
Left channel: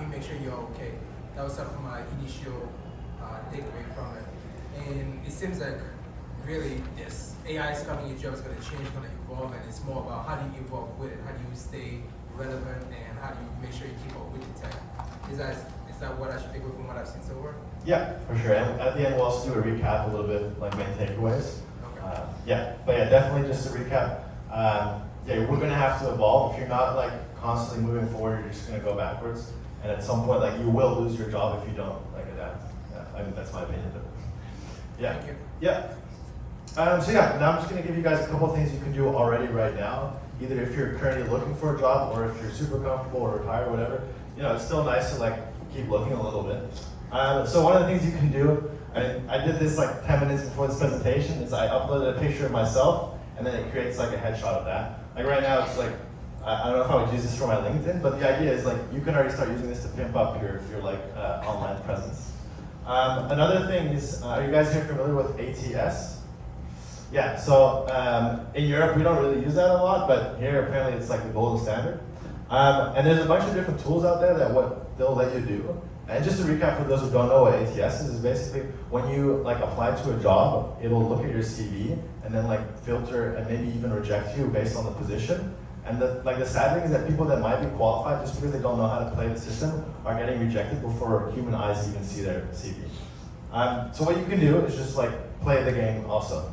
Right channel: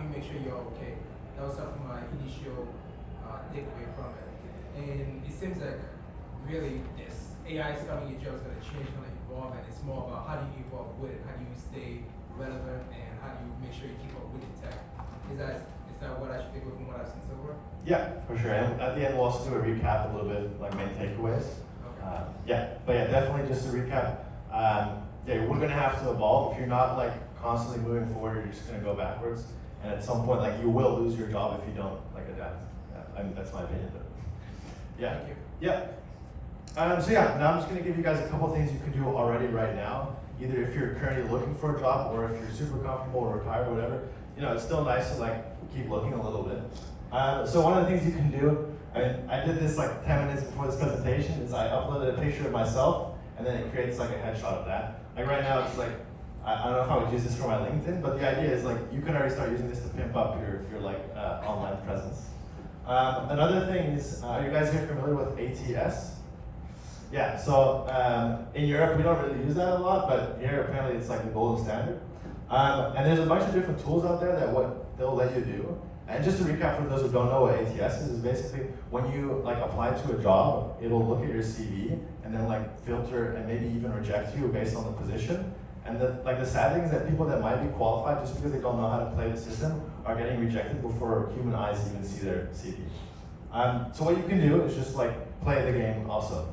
you make sure you're okay? That was sort of my initial takeaway from it. And it seems like really this AI is coming, your job is going to change, going to evolve, and it's more about how do you evolve with it, how do you stay relevant, and how do you make sure you keep up with the tech. Is that what I should take away from what I've seen so far? Yeah, for sure. And at the end, we'll also do a recap, a little bit like main takeaways. Okay. But yeah, definitely just to recap. We're gonna have to evolve. If you're not like constantly moving forward, you're just gonna go backwards. And at some point, like you will lose your job if you don't like adapt. I mean, that's my opinion. But yeah. Thank you. Yeah. Now I'm just gonna give you guys a couple of things you can do already right now. Either if you're currently looking for a job, or if you're super comfortable or retired, whatever. It's still nice to like keep looking a little bit. So one of the things you can do, and I did this like 10 minutes before this presentation, is I uploaded a picture of myself, and then it creates like a headshot of that. Like right now, it's like I don't know if I would use this for my LinkedIn, but the idea is like you can already start using this to pimp up your like online presence. Another thing is, are you guys here familiar with ATS? Yeah, so in Europe we don't really use that a lot, but here apparently it's like the gold standard. And there's a bunch of different tools out there that what they'll let you do. And just to recap for those who don't know what ATS is basically when you like apply to a job, it will look at your CV and then like filter and maybe even reject you based on the position. And the sad thing is that people that might be qualified just because they don't know how to play the system are getting rejected before human eyes even see their CV. So what you can do is just like play the game also.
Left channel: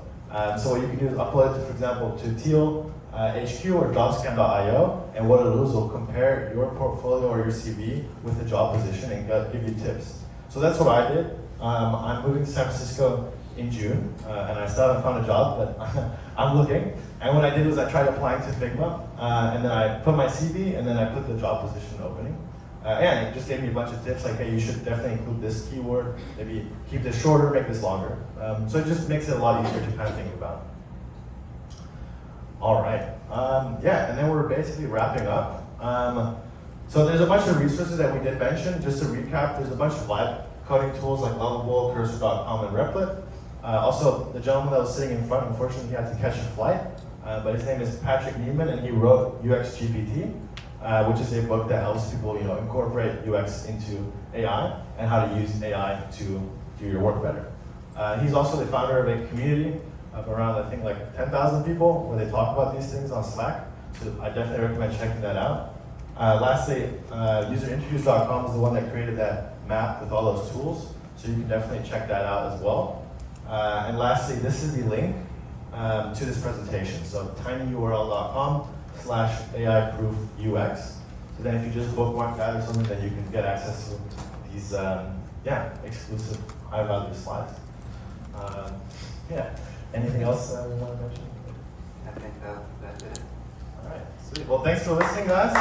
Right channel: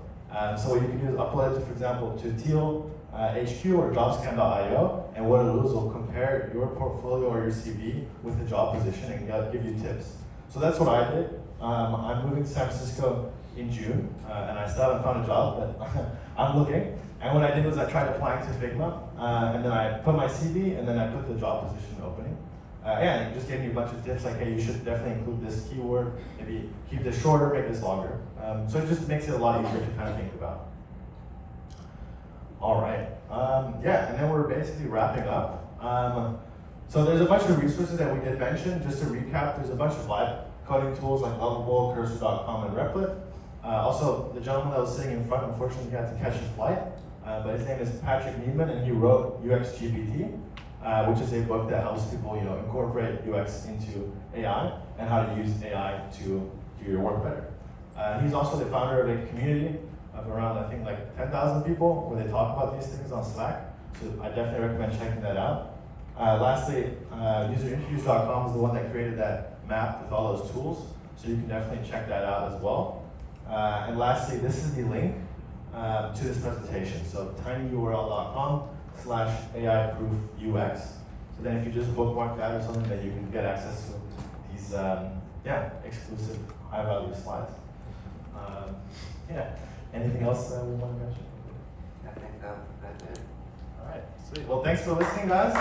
So what you can do is upload it, for example, to Teal, HQ or jobscan.io, and what it'll do is it'll compare your portfolio or your CV with the job position and give you tips. So that's what I did. I'm moving to San Francisco in June, and I still haven't found a job, but I'm looking. And what I did was I tried applying to Figma, and then I put my CV, and then I put the job position opening. And it just gave me a bunch of tips like, hey, you should definitely include this keyword, maybe keep this shorter, make this longer. So it just makes it a lot easier to kind of think about. All right, and then we're basically wrapping up. So there's a bunch of resources that we did mention. Just to recap, there's a bunch of live coding tools like Lovable, Cursor.com, and Replit. Also, the gentleman that was sitting in front, unfortunately, he had to catch a flight, but his name is Patrick Newman, and he wrote UXGPT, which is a book that helps people, incorporate UX into AI and how to use AI to do your work better. He's also the founder of a community of around, I think, like 10,000 people where they talk about these things on Slack. So I definitely recommend checking that out. Lastly, userinterviews.com is the one that created that map with all those tools. So you can definitely check that out as well. And lastly, this is the link to this presentation. So tinyurl.com/AI-proof-UX. So then if you just bookmark that or something, then you can get access to these exclusive high-value slides. Anything else I want to mention? I think that's it. All right, sweet. Well, thanks for listening, guys.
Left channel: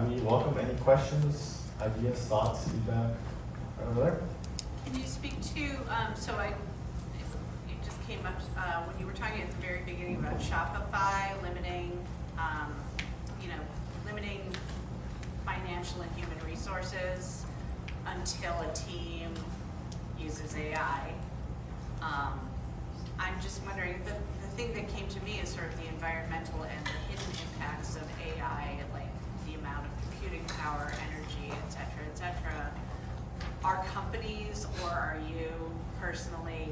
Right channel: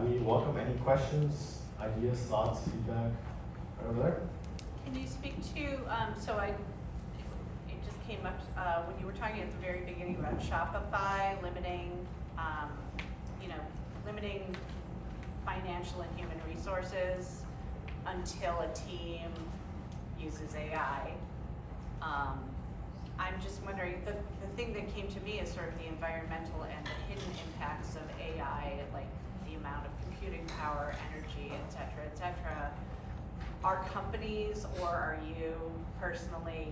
We welcome any questions, ideas, thoughts, feedback. Right over there. Can you speak to, you just came up, when you were talking at the very beginning about Shopify limiting, limiting financial and human resources until a team uses AI. I'm just wondering, the thing that came to me is sort of the environmental and the hidden impacts of AI, like the amount of computing power, energy, et cetera, Are companies or are you personally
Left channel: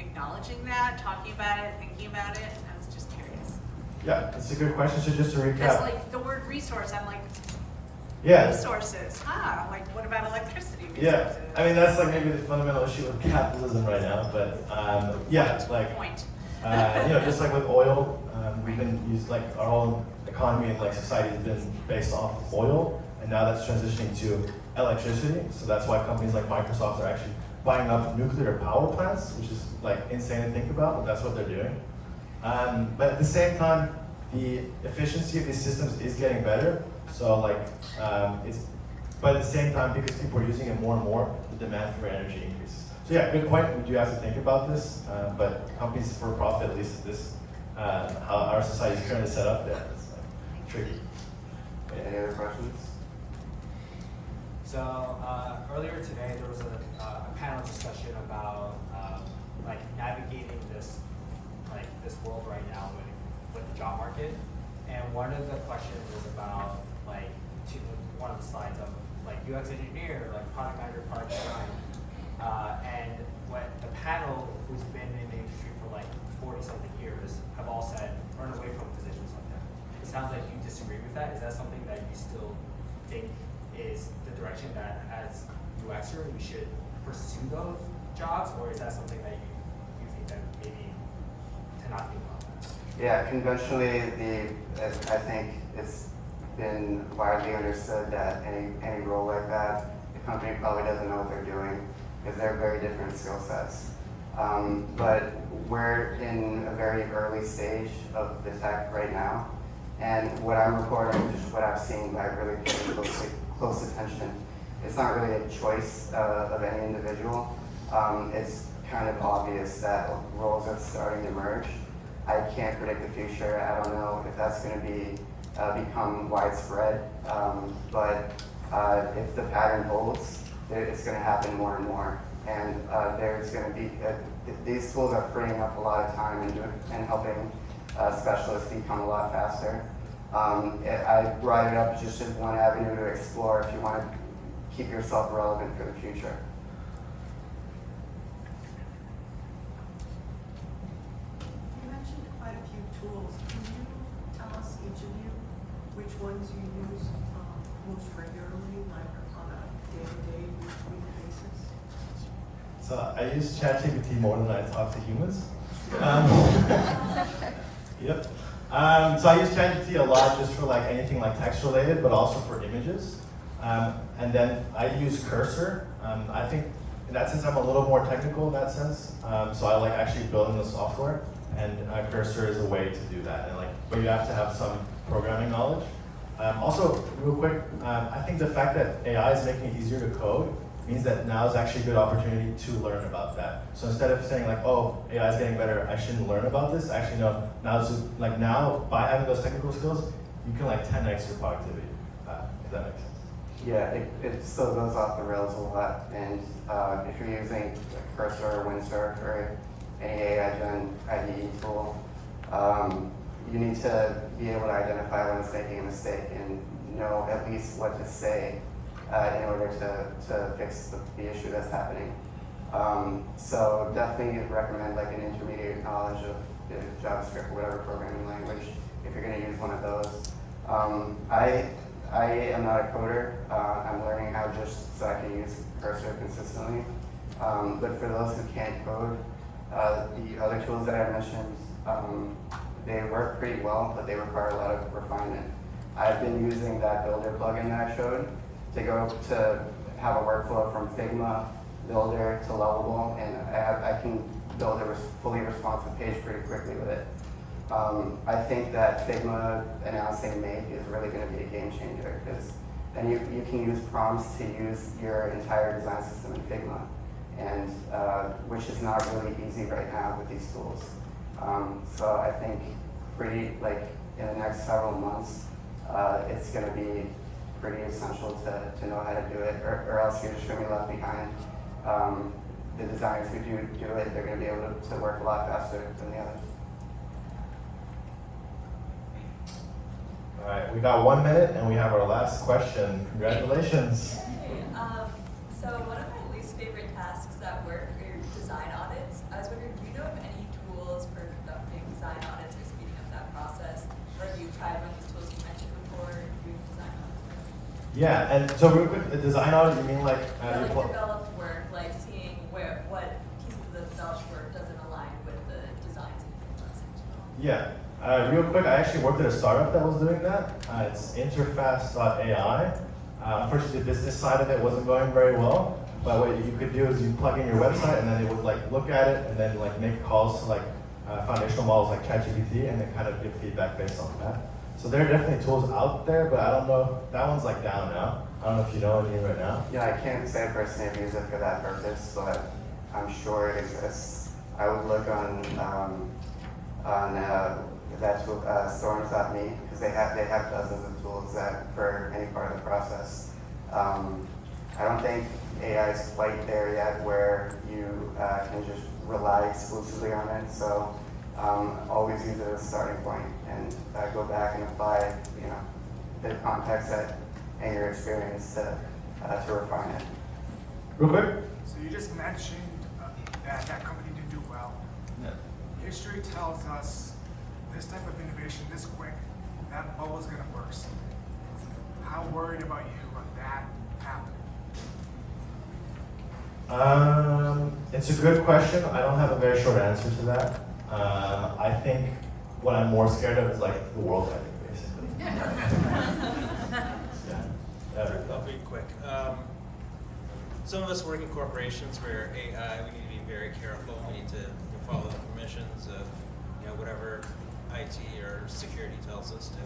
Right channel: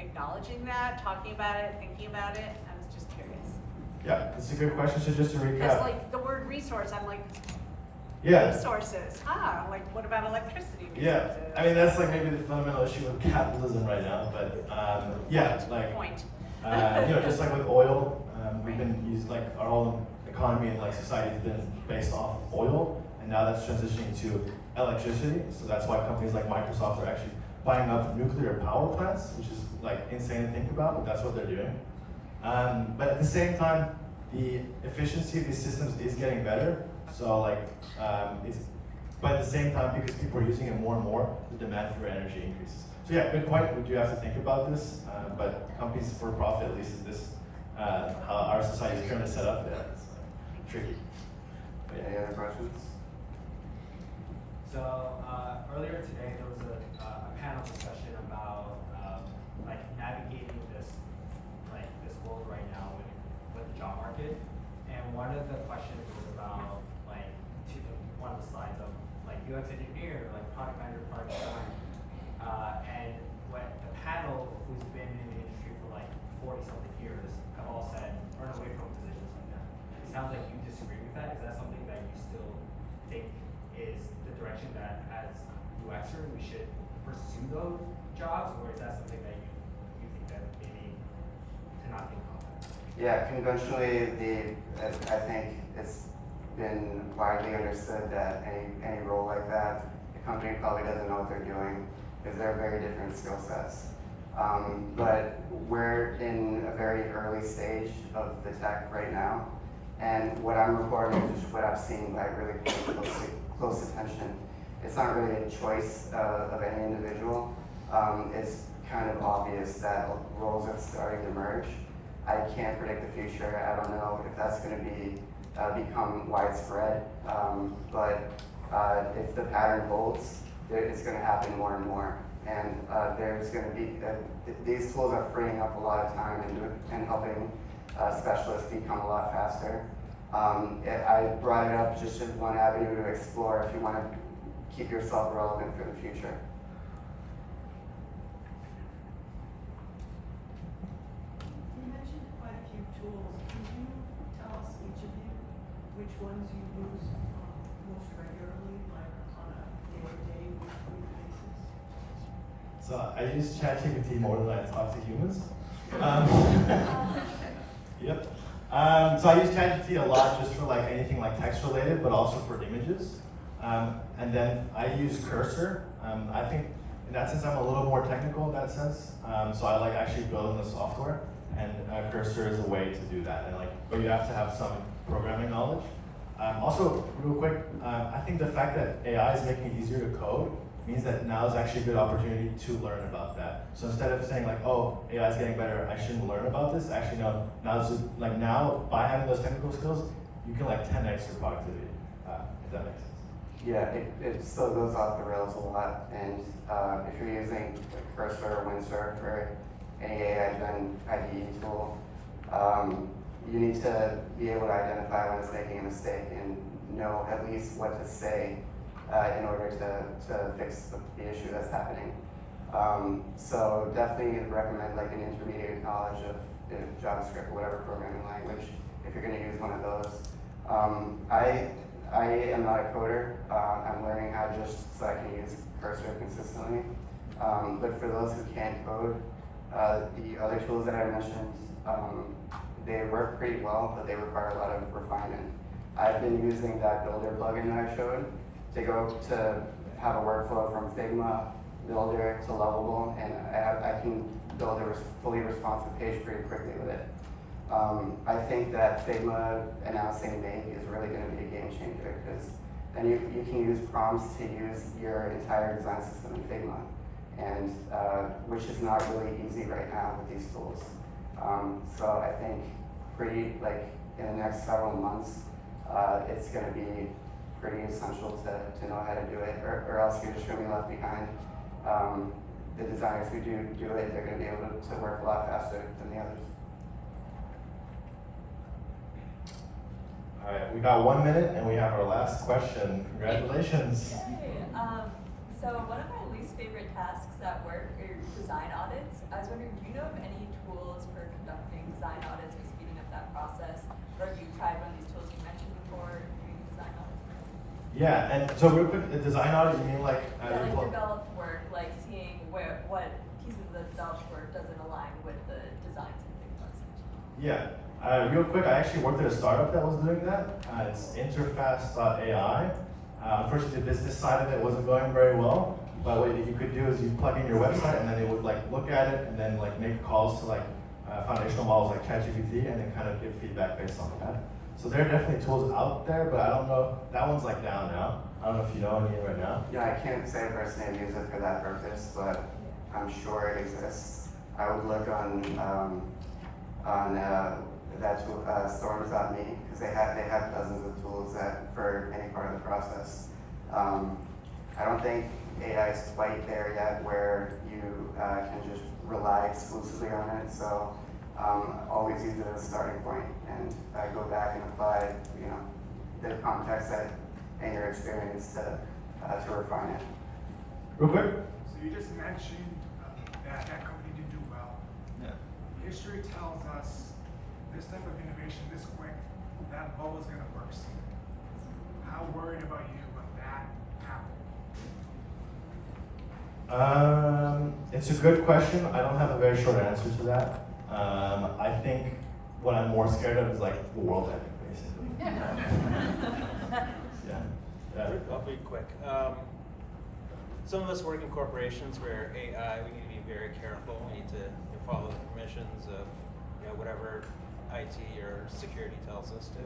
acknowledging that, talking about it, thinking about it? I was just curious. Yeah, that's a good question. So just to Because recap. like the word resource, I'm like, Yeah. resources, like what about electricity Yeah, resources? I mean that's like maybe the fundamental issue with capitalism right now, but yeah, like Point. just like with oil, we've been used like our whole economy and like society has been based off of oil, and now that's transitioning to electricity. So that's why companies like Microsoft are actually buying up nuclear power plants, which is like insane to think about, but that's what they're doing. But at the same time, the efficiency of these systems is getting better. So like but at the same time, because people are using it more and more, the demand for energy increases. So yeah, good point. We do have to think about this, but companies for profit, at least at this, how our society is currently set up, there, it's tricky. But, yeah. Any other questions? So earlier today there was a panel discussion about like navigating this world right now with the job market, and one of the questions was about one of the slides of like UX engineer, like product manager, product design, and when the panel who's been in the industry for like 40-something years have all said run away from positions like that. It sounds like you disagree with that. Is that something that you still think is the direction that as UXer we should pursue those jobs, or is that something that you think that maybe to not think about that? Yeah, conventionally, I think it's been widely understood that any role like that, the company probably doesn't know what they're doing because they're very different skill sets. But we're in a very early stage of the tech right now, and what I'm reporting is just what I've seen by really paying close attention. It's not really a choice of any individual. It's kind of obvious that roles are starting to emerge. I can't predict the future. I don't know if that's going to be become widespread, but if the pattern holds, it's going to happen more and more. And there's going to be these tools are freeing up a lot of time and helping specialists become a lot faster. I brought it up just as one avenue to explore if you want to keep yourself relevant for the future. You mentioned quite a few tools. Can you tell us, each of you, which ones you use most regularly, like on a day-to-day, week-to-week basis? So I use ChatGPT more than I talk to humans. Yep. So I use ChatGPT a lot just for like anything like text related, but also for images. And then I use Cursor. I think in that sense I'm a little more technical in that sense. So I like actually building the software, and Cursor is a way to do that. And but you have to have some programming knowledge. Also, real quick, I think the fact that AI is making it easier to code means that now is actually a good opportunity to learn about that. So instead of saying like, oh, AI is getting better, I shouldn't learn about this, actually no, now by having those technical skills, you can like 10x your productivity, if that makes sense. Yeah, it still goes off the rails a lot, and if you're using Cursor or Windsurf or any AI-gen IDE tool, you need to be able to identify when it's making a mistake and know at least what to say in order to fix the issue that's happening. So definitely recommend like an intermediate knowledge of JavaScript, whatever programming language, if you're going to use one of those. I am not a coder. I'm learning how just so I can use Cursor consistently. But for those who can't code, the other tools that I mentioned, they work pretty well, but they require a lot of refinement. I've been using that Builder plugin that I showed to go to have a workflow from Figma, Builder to Lovable, and I can build a fully responsive page pretty quickly with it. I think that Figma announcing Make is really going to be a game changer because then you can use prompts to use your entire design system in Figma, and which is not really easy right now with these tools. So I think in the next several months, it's going to be pretty essential to know how to do it, or else you're just going to be left behind. The designers who do it, they're going to be able to work a lot faster than the others. All right, we got 1 minute and we have our last question. Congratulations. Hey, so one of my least favorite tasks at work are design audits. I was wondering, do you know of any tools for conducting design audits or speeding up that process? Or have you tried one of these tools you mentioned before doing design audits? Yeah, and so real quick, a design audit, you mean like? Or like developed work, like seeing what pieces of the developed work doesn't align with the designs and things. Yeah. Real quick, I actually worked at a startup that was doing that. It's interface.ai. Unfortunately, the business side of it wasn't going very well. But what you could do is you plug in your website, and then it would like look at it, and then like make calls to like foundational models like ChatGPT, and then kind of give feedback based on that. So there are definitely tools out there, but I don't know. That one's like down now. I don't know if you know any right now. Yeah, I can't say I personally have used it for that purpose, but I'm sure it exists. I would look on that's what Storm.me, because they have dozens of tools that for any part of the process. I don't think AI is quite there yet where you can just rely exclusively on it. So always use it as a starting point and go back and apply, the context and your experience to refine it. Real quick. So you just mentioned that company didn't do well. Yeah. History tells us this type of innovation this quick, that bubble's gonna burst. How worried about you about that happening? It's a good question. I don't have a very short answer to that. I think what I'm more scared of is like the world ending, basically. Yeah. I'll be quick. Some of us work in corporations where AI, we need to be very careful. We need to follow the permissions of whatever IT or security tells us to.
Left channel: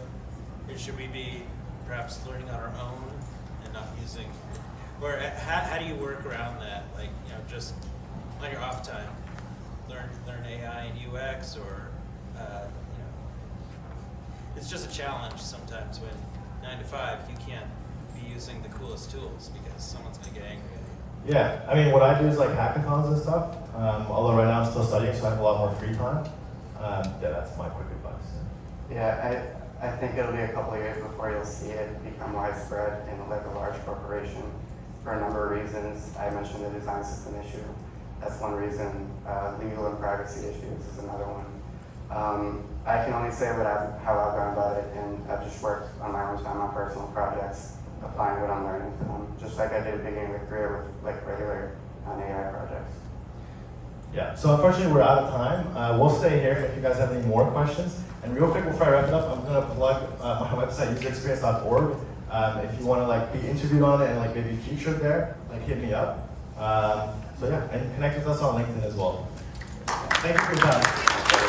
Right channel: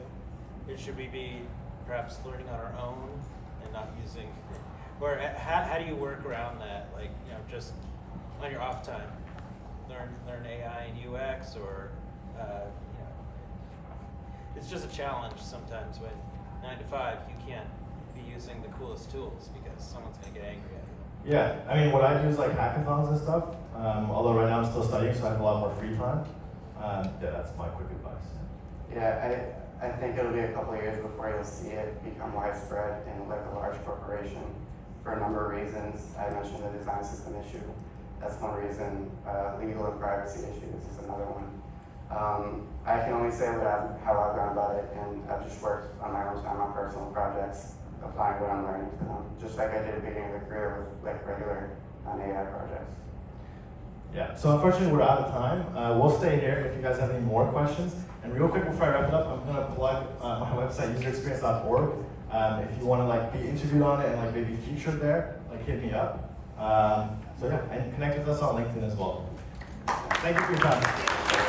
Or should we be perhaps learning on our own and not using, or how do you work around that? Like, just on your off time, learn AI and UX, or it's just a challenge sometimes when 9 to 5 you can't be using the coolest tools because someone's gonna get angry at you. Yeah, I mean, what I do is like hackathons and stuff. Although right now I'm still studying, so I have a lot more free time. That's my quick advice. Yeah, I think it'll be a couple of years before you'll see it become widespread in like a large corporation for a number of reasons. I mentioned the design system issue. That's one reason. Legal and privacy issues is another one. I can only say how I've gone about it, and I've just worked on my own time on personal projects, applying what I'm learning to them, just like I did at the beginning of the career with like regular AI projects. Yeah, so unfortunately we're out of time. We'll stay here if you guys have any more questions. And real quick before I wrap it up, I'm gonna plug my website, userexperience.org. If you wanna like be interviewed on it and like maybe featured there, like hit me up. So yeah, and connect with us on LinkedIn as well. Thank you for your time.